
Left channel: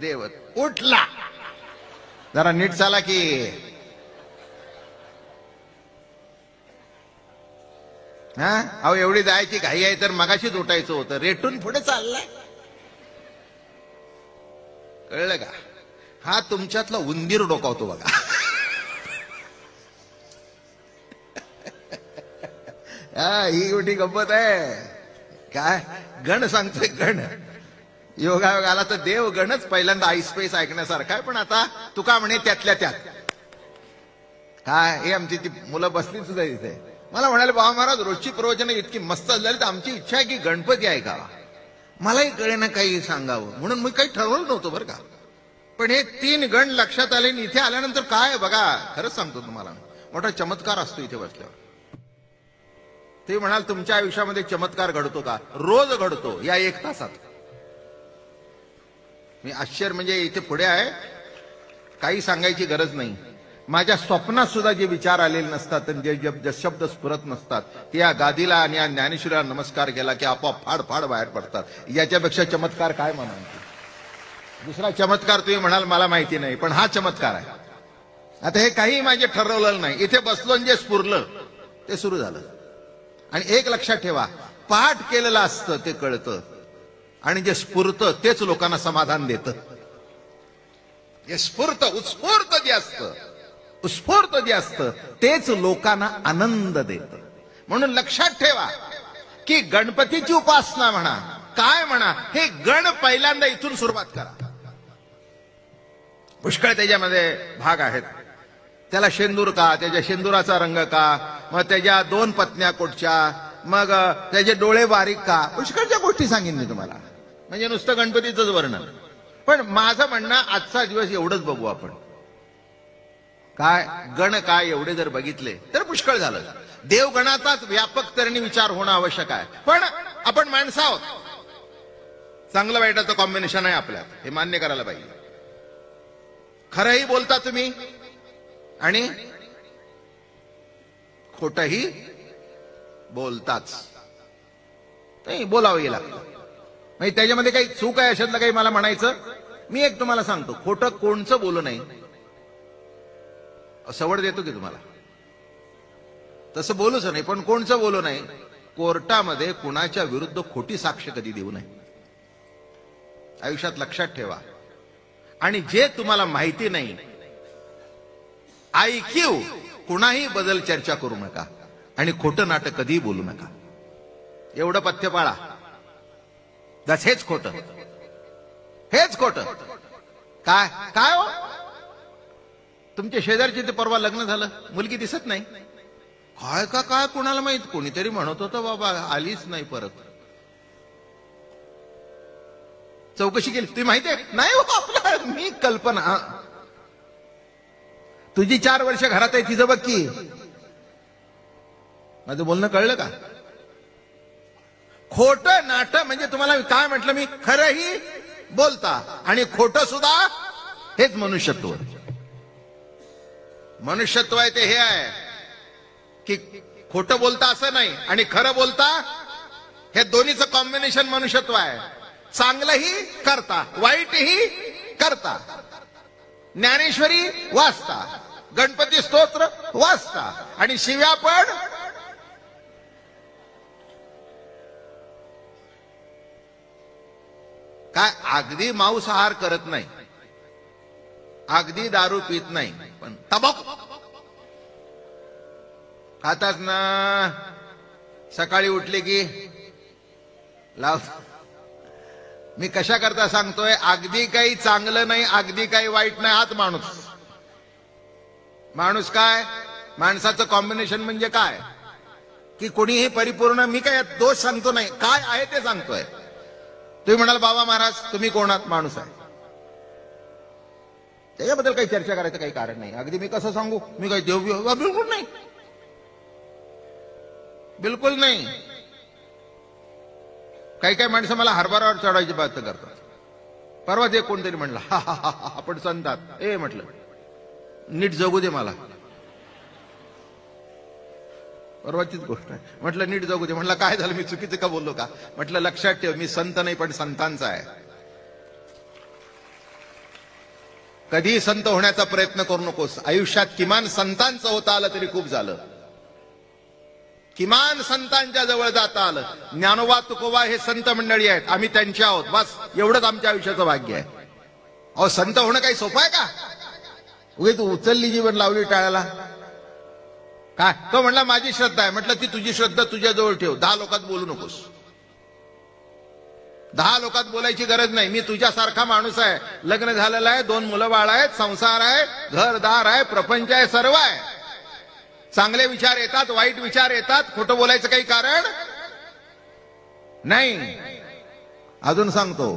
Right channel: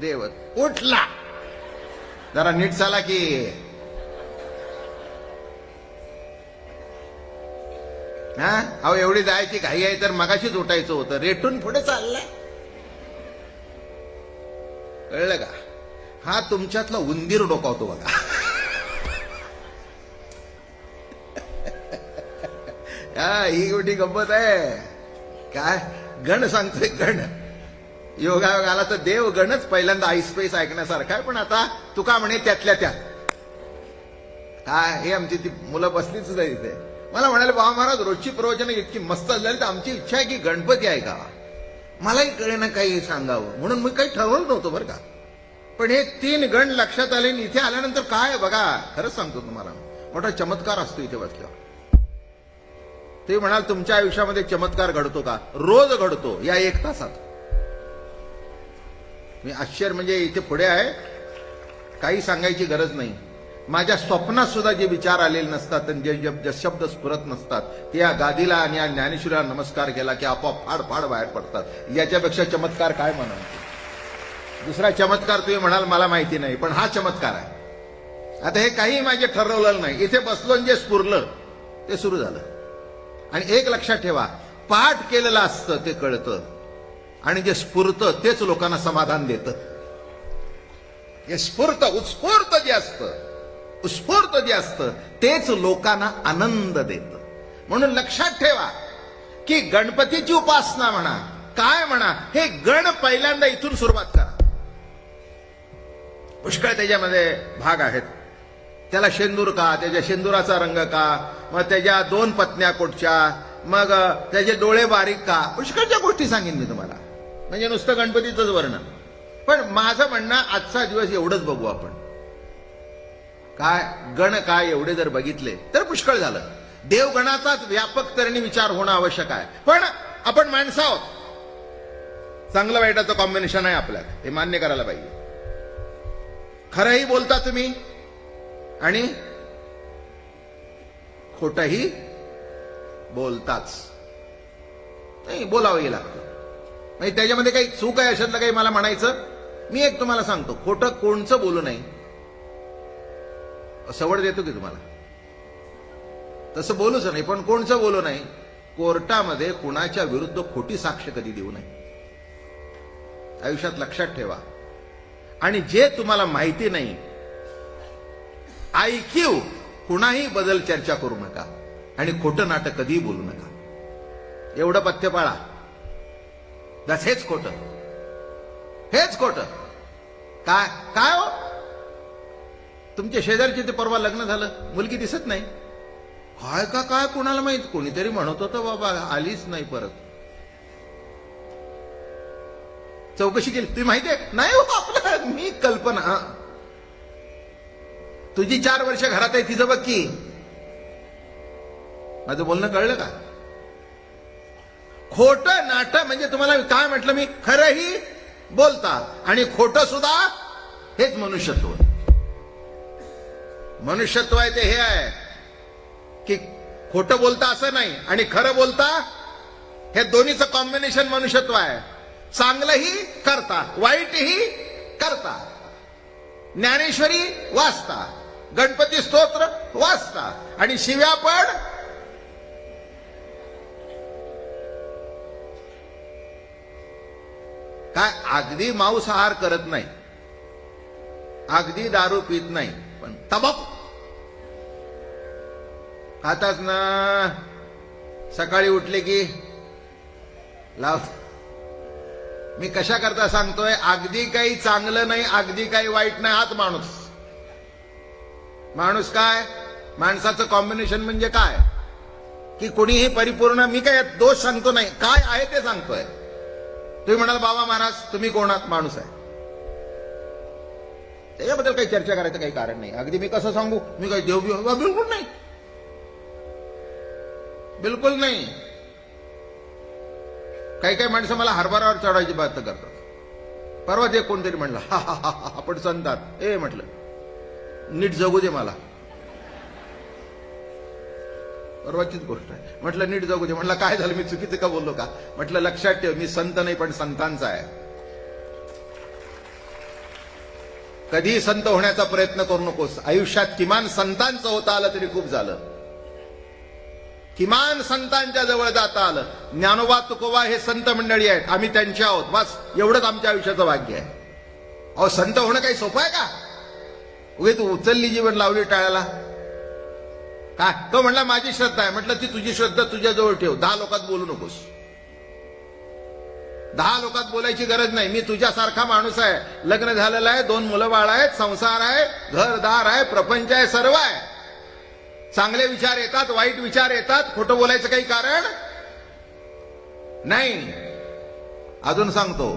देव उठला जरा नीट चाला की. हा अहो एवढी जायची घाई आहे तर मगाशीच उठायचं होतं. रेटून पुढे चाललाय. कळलं का? हा तुमच्यातला उंदीर डोकावतो बघा. हा ही गोष्टी गंमत आहे. काय गण सांगतोय गण. योगायोगाला तर देव गणच पहिल्यांदा आईस्पेस ऐकण्यासारखा आहे. पण आता तुका म्हणे त्यातल्या त्यात काय हे आमची ती मुलं बसलीच इथे. मला म्हणाले बाबा महाराज रोजची प्रवचनं इतकी मस्त झाली तर आमची इच्छा आहे की गणपती ऐकावा. मलाही कळेना काही सांगावं म्हणून मी काही ठरवलं नव्हतं बरं का. पण हे 3 गण लक्षात आले. इथे आल्यानंतर काय बघा खरंच सांगतो तुम्हाला मोठा चमत्कार असतो इथे बसल्यावर. ते म्हणाल तुमच्या आयुष्यामध्ये चमत्कार घडतो का? रोज घडतो या 1 तासात. मी आश्चर्य म्हणजे इथे पुढे आहे काही सांगायची गरज नाही. माझ्या स्वप्नात सुद्धा जे विचार आलेले नसतात आणि जे शब्द स्फुरत नसतात ते या गादीला आणि या ज्ञानेश्वराला नमस्कार केला की आपोआप फार फार बाहेर पडतात. याच्यापेक्षा चमत्कार काय म्हणाल? दुसरा चमत्कार तुम्ही म्हणाल मला माहिती नाही पण हा चमत्कार आहे. आता हे काही माझे ठरवलेलं नाही. इथे बसलो आणि जे स्फुरलं ते सुरू झालं. आणि एक लक्षात ठेवा पाठ केलेलं असतं ते कळतं आणि जे स्फुरतं तेच लोकांना समाधान देतं. हे स्फूर्त उत्स्फूर्त जे असतं उत्स्फूर्त जे असतं तेच लोकांना आनंद देतं. म्हणून लक्षात ठेवा की गणपतीची उपासना म्हणा काय म्हणा हे गण पहिल्यांदा इथून सुरुवात करा. पुष्कळ त्याच्यामध्ये भाग आहेत. त्याला शेंदूर का, त्याच्या शेंदुराचा रंग का, मग त्याच्या 2 पत्न्या कुठच्या, मग त्याचे डोळे बारीक का, पुष्कळच्या गोष्टी सांगेन मी तुम्हाला. म्हणजे नुसतं गणपतीचंच वर्णन. पण माझं म्हणणं आजचा दिवस एवढंच बघू आपण. काय गण काय एवढे जर बघितले तर पुष्कळ झालं. देवगणाचाच व्यापक करणी विचार होणं आवश्यक आहे. पण आपण माणसं आहोत. चांगलं वाईटाचं कॉम्बिनेशन आहे आपल्यात हे मान्य करायला पाहिजे. खरंही बोलता तुम्ही आणि खोटंही बोलताच. नाही बोलावंही लागतं. नाही त्याच्यामध्ये काही चूक आहे अशातलं काही मला म्हणायचं. मी एक तुम्हाला सांगतो खोटं कोणचं बोलू नाही. सवड देतो की तुम्हाला तसं बोलूच नाही पण कोणचं बोलू नाही. कोर्टामध्ये कुणाच्या विरुद्ध खोटी साक्ष कधी देऊ नये. आयुष्यात लक्षात ठेवा. आणि जे तुम्हाला माहिती नाही IQ कुणाही बदल चर्चा करू नका आणि खोटं नाटक कधीही बोलू नका. एवढं पथ्य पाळा. हेच खोटं हेच खोटं. काय काय हो तुमच्या शेजारची ते परवा लग्न झालं मुलगी दिसत नाही. काय का काय कोणाला माहित. कोणीतरी म्हणत होतं बाबा आलीच नाही परत. चौकशी केली ती माहितीये नाही हो. मी कल्पना तुझी 4 वर्ष घरात आहे तिचं बघ की. माझं बोलणं कळलं का? खोटं नाटक म्हणजे तुम्हाला काय म्हटलं मी खरंही बोलता आणि खोटं सुद्धा हेच मनुष्यत्व. मनुष्यत्व आहे ते हे आहे की खोटं बोलता असं नाही आणि खरं बोलता हे दोन्हीचं कॉम्बिनेशन मनुष्यत्व आहे. चांगलंही करता वाईटही करता. ज्ञानेश्वरी वाचता गणपती स्तोत्र वाचता आणि शिव्या पण काय अगदी मांसाहार करत नाही अगदी दारू पीत नाही पण तंबाखू खातात ना. सकाळी उठले की लाव. मी कशा करता सांगतोय अगदी काही चांगलं नाही अगदी काही वाईट नाही. हाच माणूस. माणूस काय माणसाचं कॉम्बिनेशन म्हणजे काय की कोणीही परिपूर्ण. मी काय दोष सांगतो नाही काय आहे ते सांगतोय. तुम्ही म्हणाल बाबा महाराज तुम्ही कोण आहात? माणूस आहे. त्याच्याबद्दल काही चर्चा करायचं काही कारण नाही. अगदी मी कसं सांगू मी काही देव बिलकुल नाही बिलकुल नाही. काही काही माणसं मला हरभरावर चढायची बात करतात. परवा ते कोणतरी म्हणलं हा आपण संतात. ए म्हटलं नीट जगू दे मला. परवाचीच गोष्ट आहे. म्हटलं नीट जगू दे. म्हटलं काय झालं मी चुकीचं का बोललो का? म्हटलं लक्षात ठेव मी संत नाही पण संतांचा आहे. कधी संत होण्याचा प्रयत्न करू नकोस. आयुष्यात किमान संतांचं होता आलं तरी खूप झालं. किमान संतांच्या जवळ जाता आलं. ज्ञानोबा तुकोबा हे संत मंडळी आहेत, आम्ही त्यांच्या आहोत, बस एवढंच आमच्या आयुष्याचं भाग्य आहे. अहो, संत होणं काही सोपं आहे का? उगे तू उचलली जीवन लावली टाळायला काय? तो म्हणला माझी श्रद्धा आहे. म्हटलं ती तुझी श्रद्धा तुझ्याजवळ ठेव, 10 लोकात बोलू नकोस. 10 लोकात बोलायची गरज नाही. मी तुझ्यासारखा माणूस आहे, लग्न झालेलं आहे, 2 मुलं बाळ आहेत, संसार आहे, घरदार आहे, प्रपंच आहे, सर्व आहे. चांगले विचार येतात, वाईट विचार येतात, खोटं बोलायचं काही कारण नाही. अजून सांगतो,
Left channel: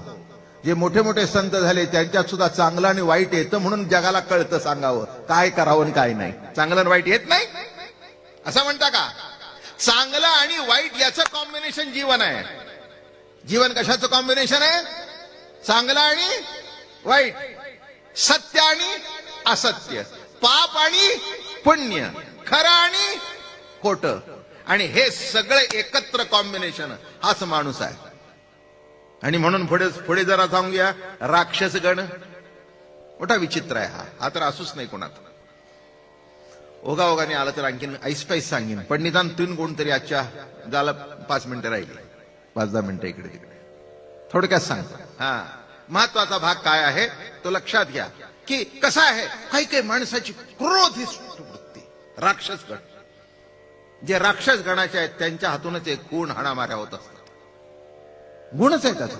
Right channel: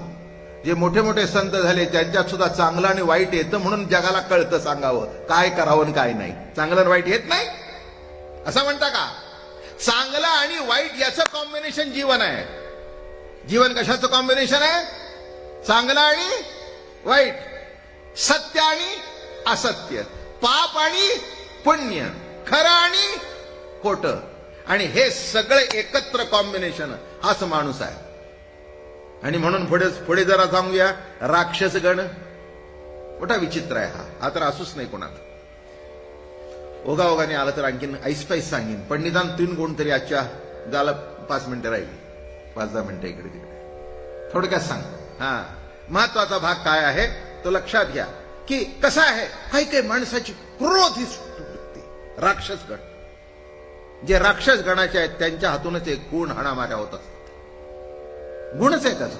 जे मोठे मोठे संत झाले त्यांच्यात सुद्धा चांगलं आणि वाईट येतं म्हणून जगाला कळतं सांगावं काय करावं आणि काय नाही. चांगलं आणि वाईट येत नाही असं म्हणता का? चांगलं आणि वाईट याचं कॉम्बिनेशन जीवन आहे. जीवन कशाचं कॉम्बिनेशन आहे? चांगलं आणि वाईट, सत्य आणि असत्य, पाप आणि पुण्य, खरं आणि खोटं, आणि हे सगळे एकत्र कॉम्बिनेशन हाच माणूस आहे. आणि म्हणून पुढे जरा सांगूया, राक्षस गण मोठा विचित्र आहे. हा तर असूच नाही कोणात. ओघाओघाने आला तर आणखीन ऐसपैस सांगेन, पण निदान 3 गुण तरी आजच्या झालं. 5 मिनिटं राहिली, 5-10 मिनिटं इकडे थोडक्यात सांग. महत्वाचा भाग काय आहे तो लक्षात घ्या, की कसं आहे, काही काही माणसाची क्रोध ही राक्षस गण, जे राक्षस गणाचे आहेत त्यांच्या हातूनच एक गुण हाणामाऱ्या होत असतात. गुणच आहे त्याचा.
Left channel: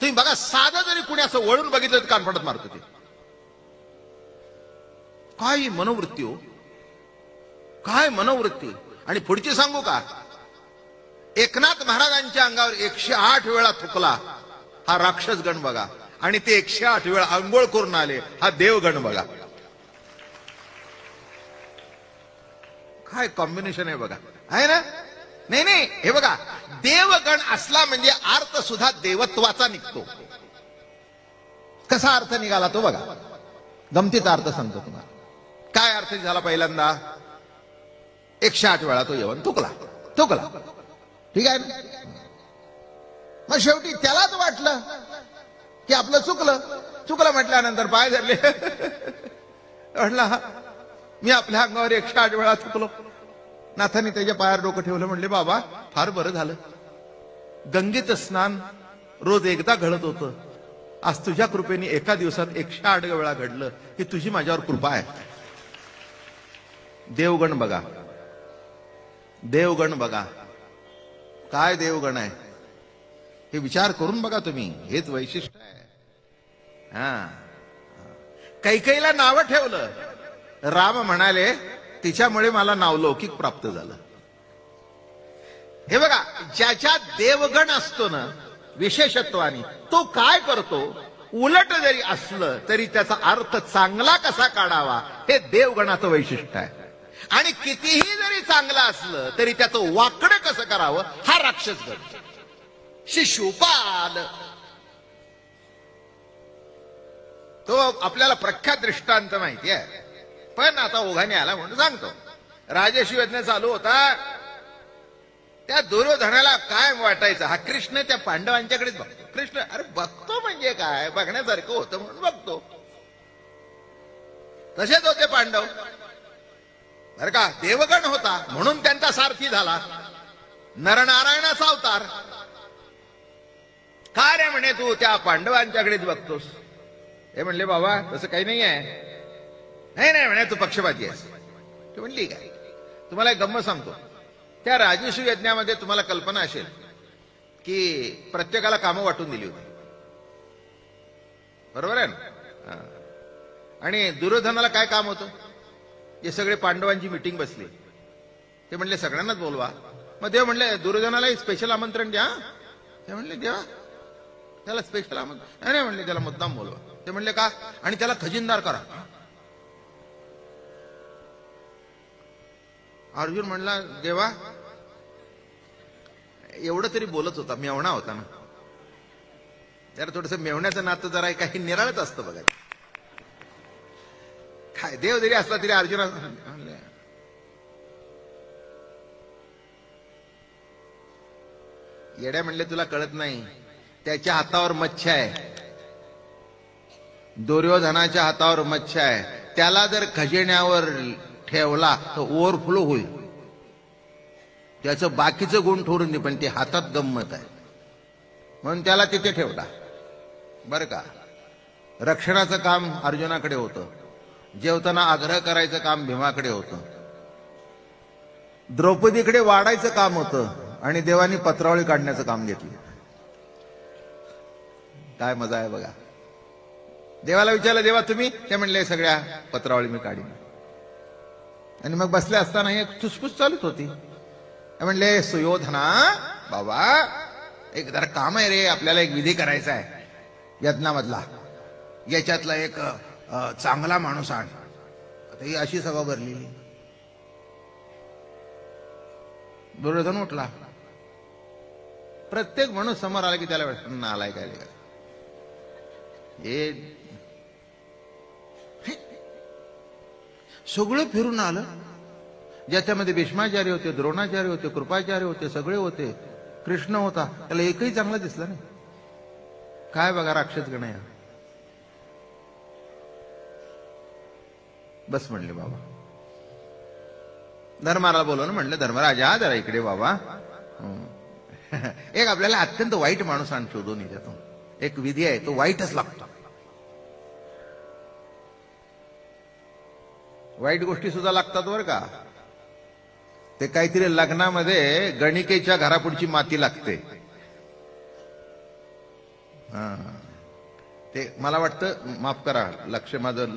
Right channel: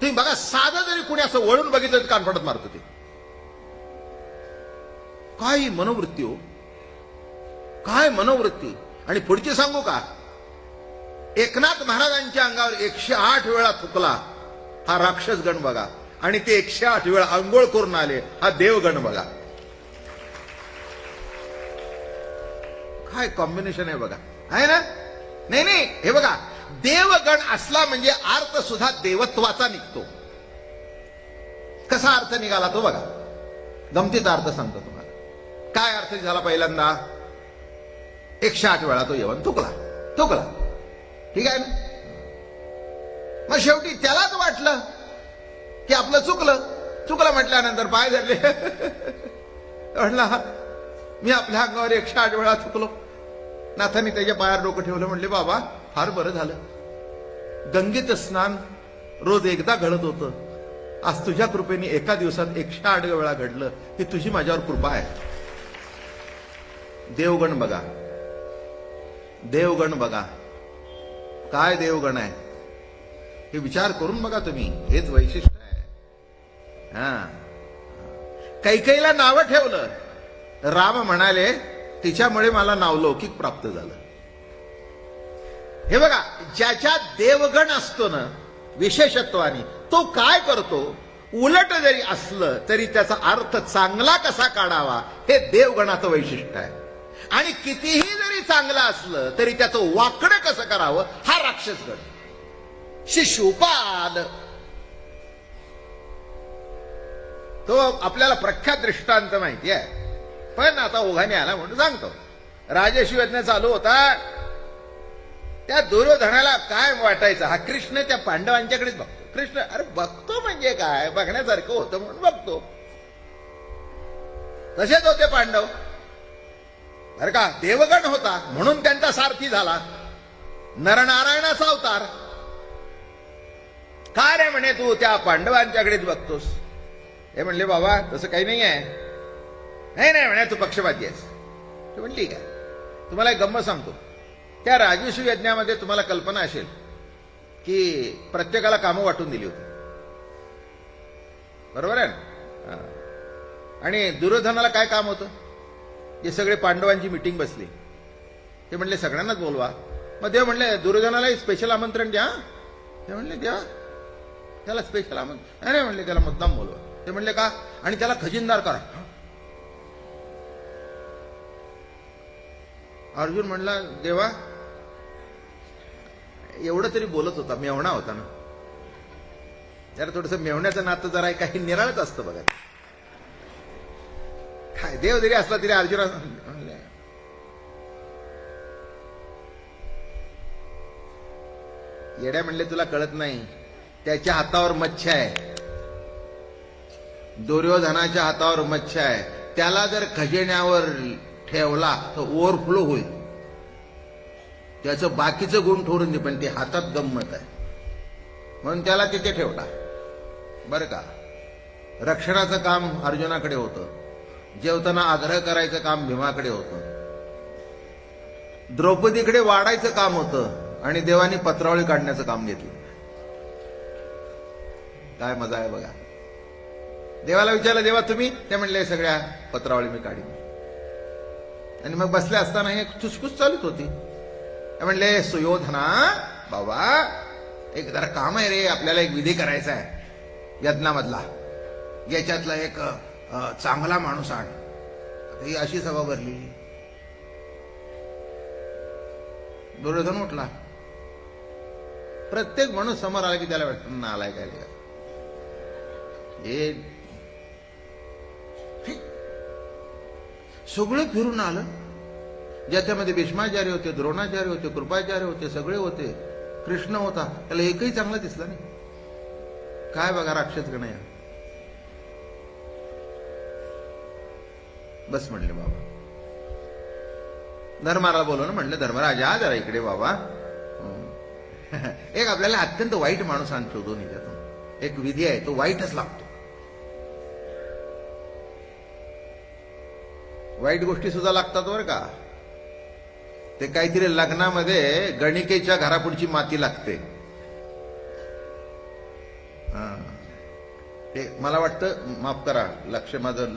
ते बघा, साधं जरी कुणी असं वळून बघितलं तर कान फडत मारत ते. काय मनोवृत्ती हो, काय मनोवृत्ती. आणि पुढची सांगू का, एकनाथ महाराजांच्या अंगावर 108 वेळा थुकला हा राक्षस गण बघा, आणि ते 108 वेळा अंघोळ करून आले हा देवगण बघा. काय कॉम्बिनेशन आहे बघा, आहे ना? नाही, हे बघा, देवगण असला म्हणजे अर्थ सुद्धा देवत्वाचा निघतो. कसा अर्थ निघाला तो बघा, गमतीचा अर्थ सांगतो तुम्हाला. काय अर्थ निघाला? पहिल्यांदा 108 वेळा तो येऊन थुकला, ठीक आहे ना? मग शेवटी त्यालाच वाटलं की आपलं चुकलं म्हटल्यानंतर पाय धरले. म्हटलं मी आपल्या अंगावर 108 वेळा थुकलो. नाथांनी त्याच्या पायावर डोकं ठेवलं, म्हणले बाबा फार बरं झालं, गंगेचं स्नान रोज एकदा घडत होतं, आज तुझ्या कृपेने एका दिवसात 108 वेळा घडलं, ही तुझी माझ्यावर कृपा आहे. देवगण बघा, देवगण बघा, काय देवगण आहे हे विचार करून बघा तुम्ही. हेच वैशिष्ट्य आहे. कैकेयीला नावं ठेवलं. राम म्हणाले तिच्यामुळे मला नावलौकिक प्राप्त झालं. हे बघा, ज्याच्यात देवगण असतो ना विशेषत्वाने, तो काय करतो, उलट जरी असलं तरी त्याचा अर्थ चांगला कसा काढावा हे देवगणाचं वैशिष्ट्य आहे. आणि कितीही जरी चांगलं असलं तरी त्याचं वाकडं कसं करावं हा राक्षस गण. शिशुपाल तो आपल्याला प्रख्यात दृष्टांत माहिती आहे, पण आता ओघाने आला म्हणून सांगतो. राजर्षी यज्ञ चालू होता, त्या दुर्योधनाला काय वाटायचं, हा कृष्ण त्या पांडवांच्याकडेच बघतो. कृष्ण अरे बघतो म्हणजे काय, बघण्यासारखं होतं म्हणून बघतो. तसेच होते पांडव बरं का. देवगण होता म्हणून त्यांचा सारथी झाला, नरनारायणाचा अवतार. काय रे म्हणे तू त्या पांडवांच्याकडेच बघतोस? हे म्हणले बाबा तसं काही नाही आहे. नाही म्हणे तू पक्षपाती आहेस. ते म्हणली काय, तुम्हाला एक गंमत सांगतो. त्या राजर्षी यज्ञामध्ये तुम्हाला कल्पना असेल की प्रत्येकाला कामं वाटून दिली होती, बरोबर आहे. आणि दुर्योधनाला काय काम होतं, हे सगळे पांडवांची मिटिंग बसली. ते म्हणले सगळ्यांनाच बोलवा. मग ते म्हणले दुर्योधनालाही स्पेशल आमंत्रण द्या. ते म्हणले द्या, त्याला स्पेशल आमंत्रण नाही म्हणले, त्याला मुद्दाम बोलवा. ते म्हणले का, आणि त्याला खजिनदार करा. अर्जुन म्हणला देवा एवढं तरी बोलत होता, मेवणा होता ना. त्याला थोडस मेवण्याचं नातं जरा काही निराळच असतं बघा. काय देव जरी असला तरी अर्जुना येड्या म्हणले तुला कळत नाही, त्याच्या हातावर मच्छी आहे. दुर्योधनाच्या हातावर मच्छी आहे, त्याला जर खजिन्यावर ठेवला तर ओव्हरफ्लो होईल, त्याचं बाकीचं गुण ठोरून नाही, पण ते हातात गंमत आहे म्हणून त्याला तिथे ठेवला. बरं का, रक्षणाचं काम अर्जुनाकडे होतं, जेवताना आग्रह करायचं काम भीमाकडे होतं, द्रौपदीकडे वाढायचं काम होतं आणि देवानी पत्रावळी काढण्याचं काम घेतलं. काय मजा आहे बघा. देवाला विचारलं, देवा तुम्ही? ते म्हणले सगळ्या पत्रावळी मी काढीन. आणि मग बसले असताना एक चुसपुस चालूच होती. ते म्हणले, सुयोधना बाबा एक जरा काम आहे रे, आपल्याला एक विधी करायचा आहे यज्ञामधला, याच्यातला एक चांगला माणूस आहे. ही अशी सभा भरली. दुर्योधन उठला. प्रत्येक माणूस समोर आला की त्याला वाटतं नालाय काय सगळं फिरून आलं. ज्याच्यामध्ये भीष्माचार्य होते, द्रोणाचार्य होते, कृपाचार्य होते, सगळे होते, कृष्ण होता, त्याला एकही चांगला दिसला नाही. काय बघा राक्षस गण आहे. बस म्हणलं बाबा, धर्माला बोलवलं, म्हणलं धर्मराजा जरा इकडे बाबा, एक आपल्याला अत्यंत वाईट माणूस आण शोधून येतो, एक विधी आहे तो वाईटच लागतो. वाईट गोष्टी सुद्धा लागतात बरं का. ते काहीतरी लग्नामध्ये गणिकेच्या घरापुढची माती लागते. ते मला वाटतं, माफ करा, लक्ष माझं,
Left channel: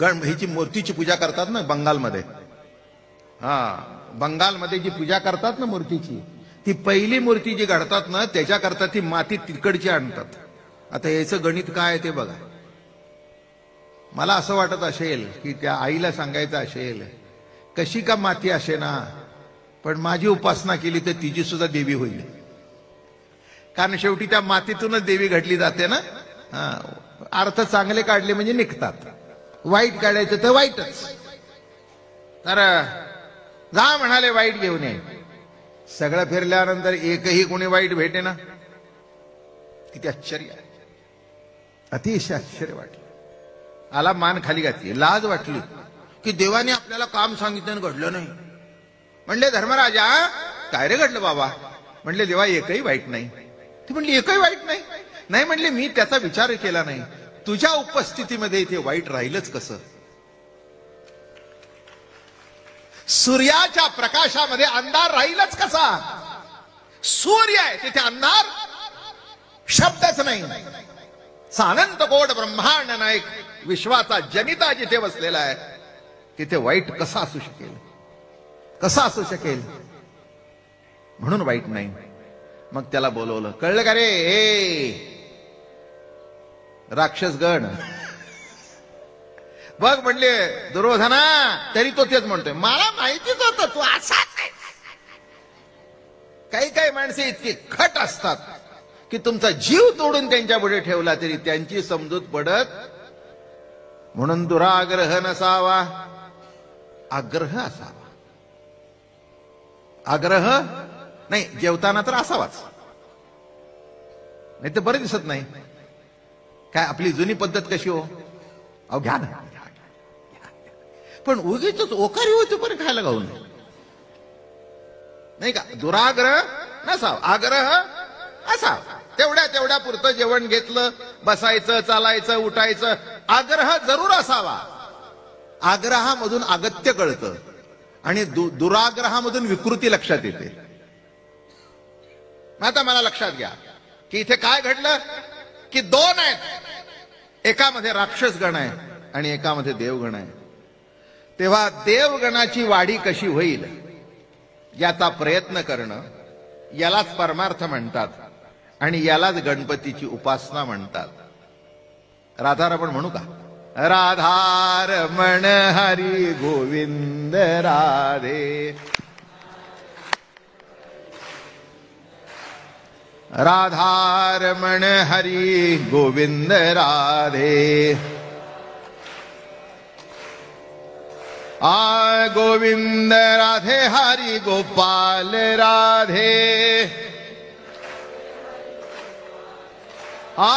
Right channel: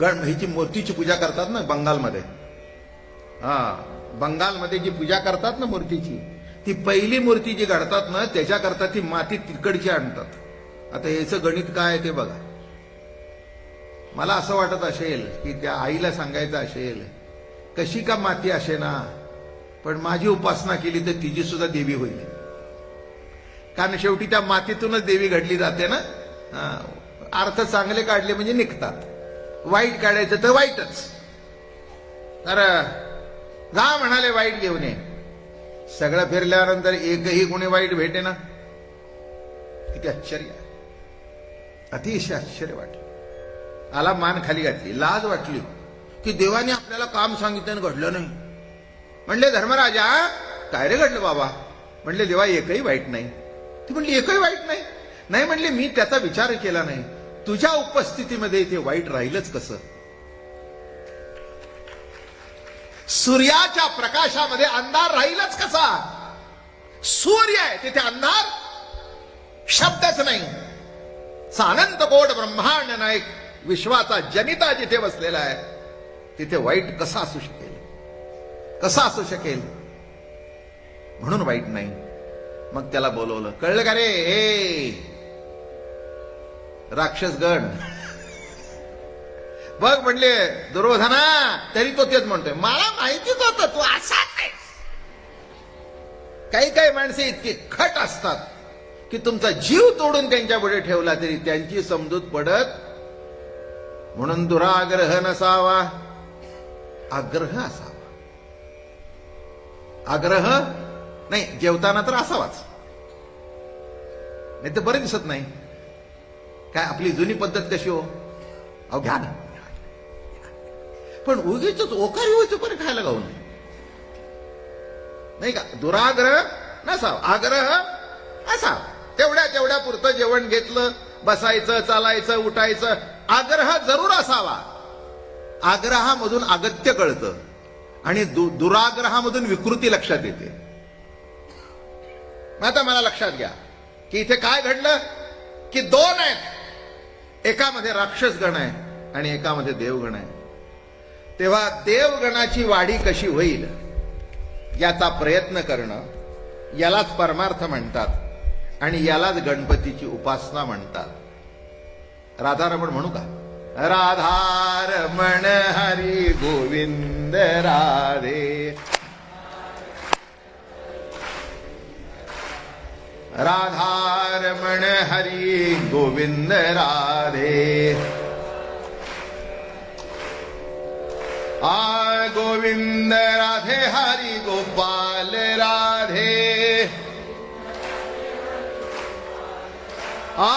गणभाईची मूर्तीची पूजा करतात ना बंगालमध्ये. बंगालमध्ये जी पूजा करतात ना मूर्तीची, ती पहिली मूर्ती जी घडतात ना त्याच्याकरता ती माती तिकडची आणतात. आता याचं गणित काय ते बघा. मला असं वाटत असेल की त्या आईला सांगायचं असेल, कशी का माती असे ना, पण माझी उपासना केली तर तिची सुद्धा देवी होईल. कारण शेवटी त्या मातीतूनच देवी घडली जाते ना. अर्थ चांगले काढले म्हणजे निघतात, वाईट काढायचं तर वाईटच. तर जा म्हणाले वाईट घेऊन ये. सगळं फिरल्यानंतर एकही कोणी वाईट भेटे ना. किती आश्चर्य, अतिशय आश्चर्य वाटले. आला मान खाली घातली, लाज वाटली की देवाने आपल्याला काम सांगितलं घडलं नाही. म्हणले धर्मराजा काय रे घडलं बाबा? म्हणले देवा एकही वाईट नाही. ती म्हणली एकही वाईट नाही? नाही म्हणले, मी त्याचा विचार केला नाही, तुझ्या उपस्थितीमध्ये ते वाईट राहीलच कसं? सूर्याच्या प्रकाशामध्ये अंधार राहीलच कसा? सूर्य आहे तिथे अंधार शब्दच नाही. सानंद गोड ब्रह्मांड नायक विश्वाचा जनिता जिथे बसलेला आहे तिथे वाईट कसा असू शकेल? कसा असू शकेल? म्हणून वाईट नाही. मग त्याला बोलवलं. कळलं का रे हे राक्षसगण? बघ म्हणले दुर्योधना, तरी तो तेच म्हणतोय, मला माहितीच होतं तू असा नाही. काही काही माणसे इतकी खट असतात की तुमचा जीव तोडून त्यांच्या पुढे ठेवला तरी त्यांची समजूत पडत. म्हणून दुराग्रह नसावा, आग्रह असावा. आग्रह नाही, जेवताना तर असावाच, नाही तर बरं दिसत नाही. काय आपली जुनी पद्धत कशी हो, अहो घ्या ना, पण उगीच ओकारी होते पण खायला गाऊ नये, नाही का? दुराग्रह नसावा, आग्रह असावा. तेवढ्या पुरतं जेवण घेतलं, बसायचं, चालायचं, उठायचं. आग्रह जरूर असावा. आग्रहामधून अगत्य कळतं आणि दुराग्रहामधून विकृती लक्षात येते. आता मला लक्षात घ्या की इथे काय घडलं की दोन आहेत, एकामध्ये राक्षस गण आहे आणि एकामध्ये देवगण आहे. तेव्हा देवगणाची वाढी कशी होईल याचा प्रयत्न करणं, यालाच परमार्थ म्हणतात आणि यालाच गणपतीची उपासना म्हणतात. राधारमण म्हणू का? राधारमण हरी गोविंद राधे, राधारमण हरी गोविंद राधे. आ गोविंद राधे हरी गोपाल राधे. आ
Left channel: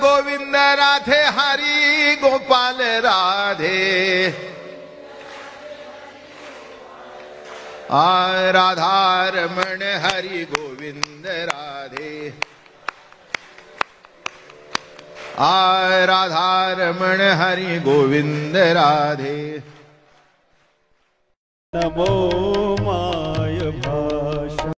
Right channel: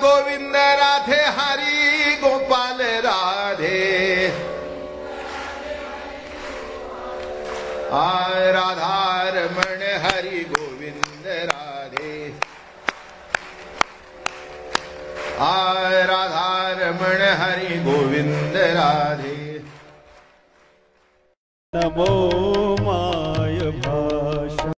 गोविंद राधे हरी आय राधारमण हरि गोविंद राधे, आय राधारमण हरि गोविंद राधे। नमो माय भा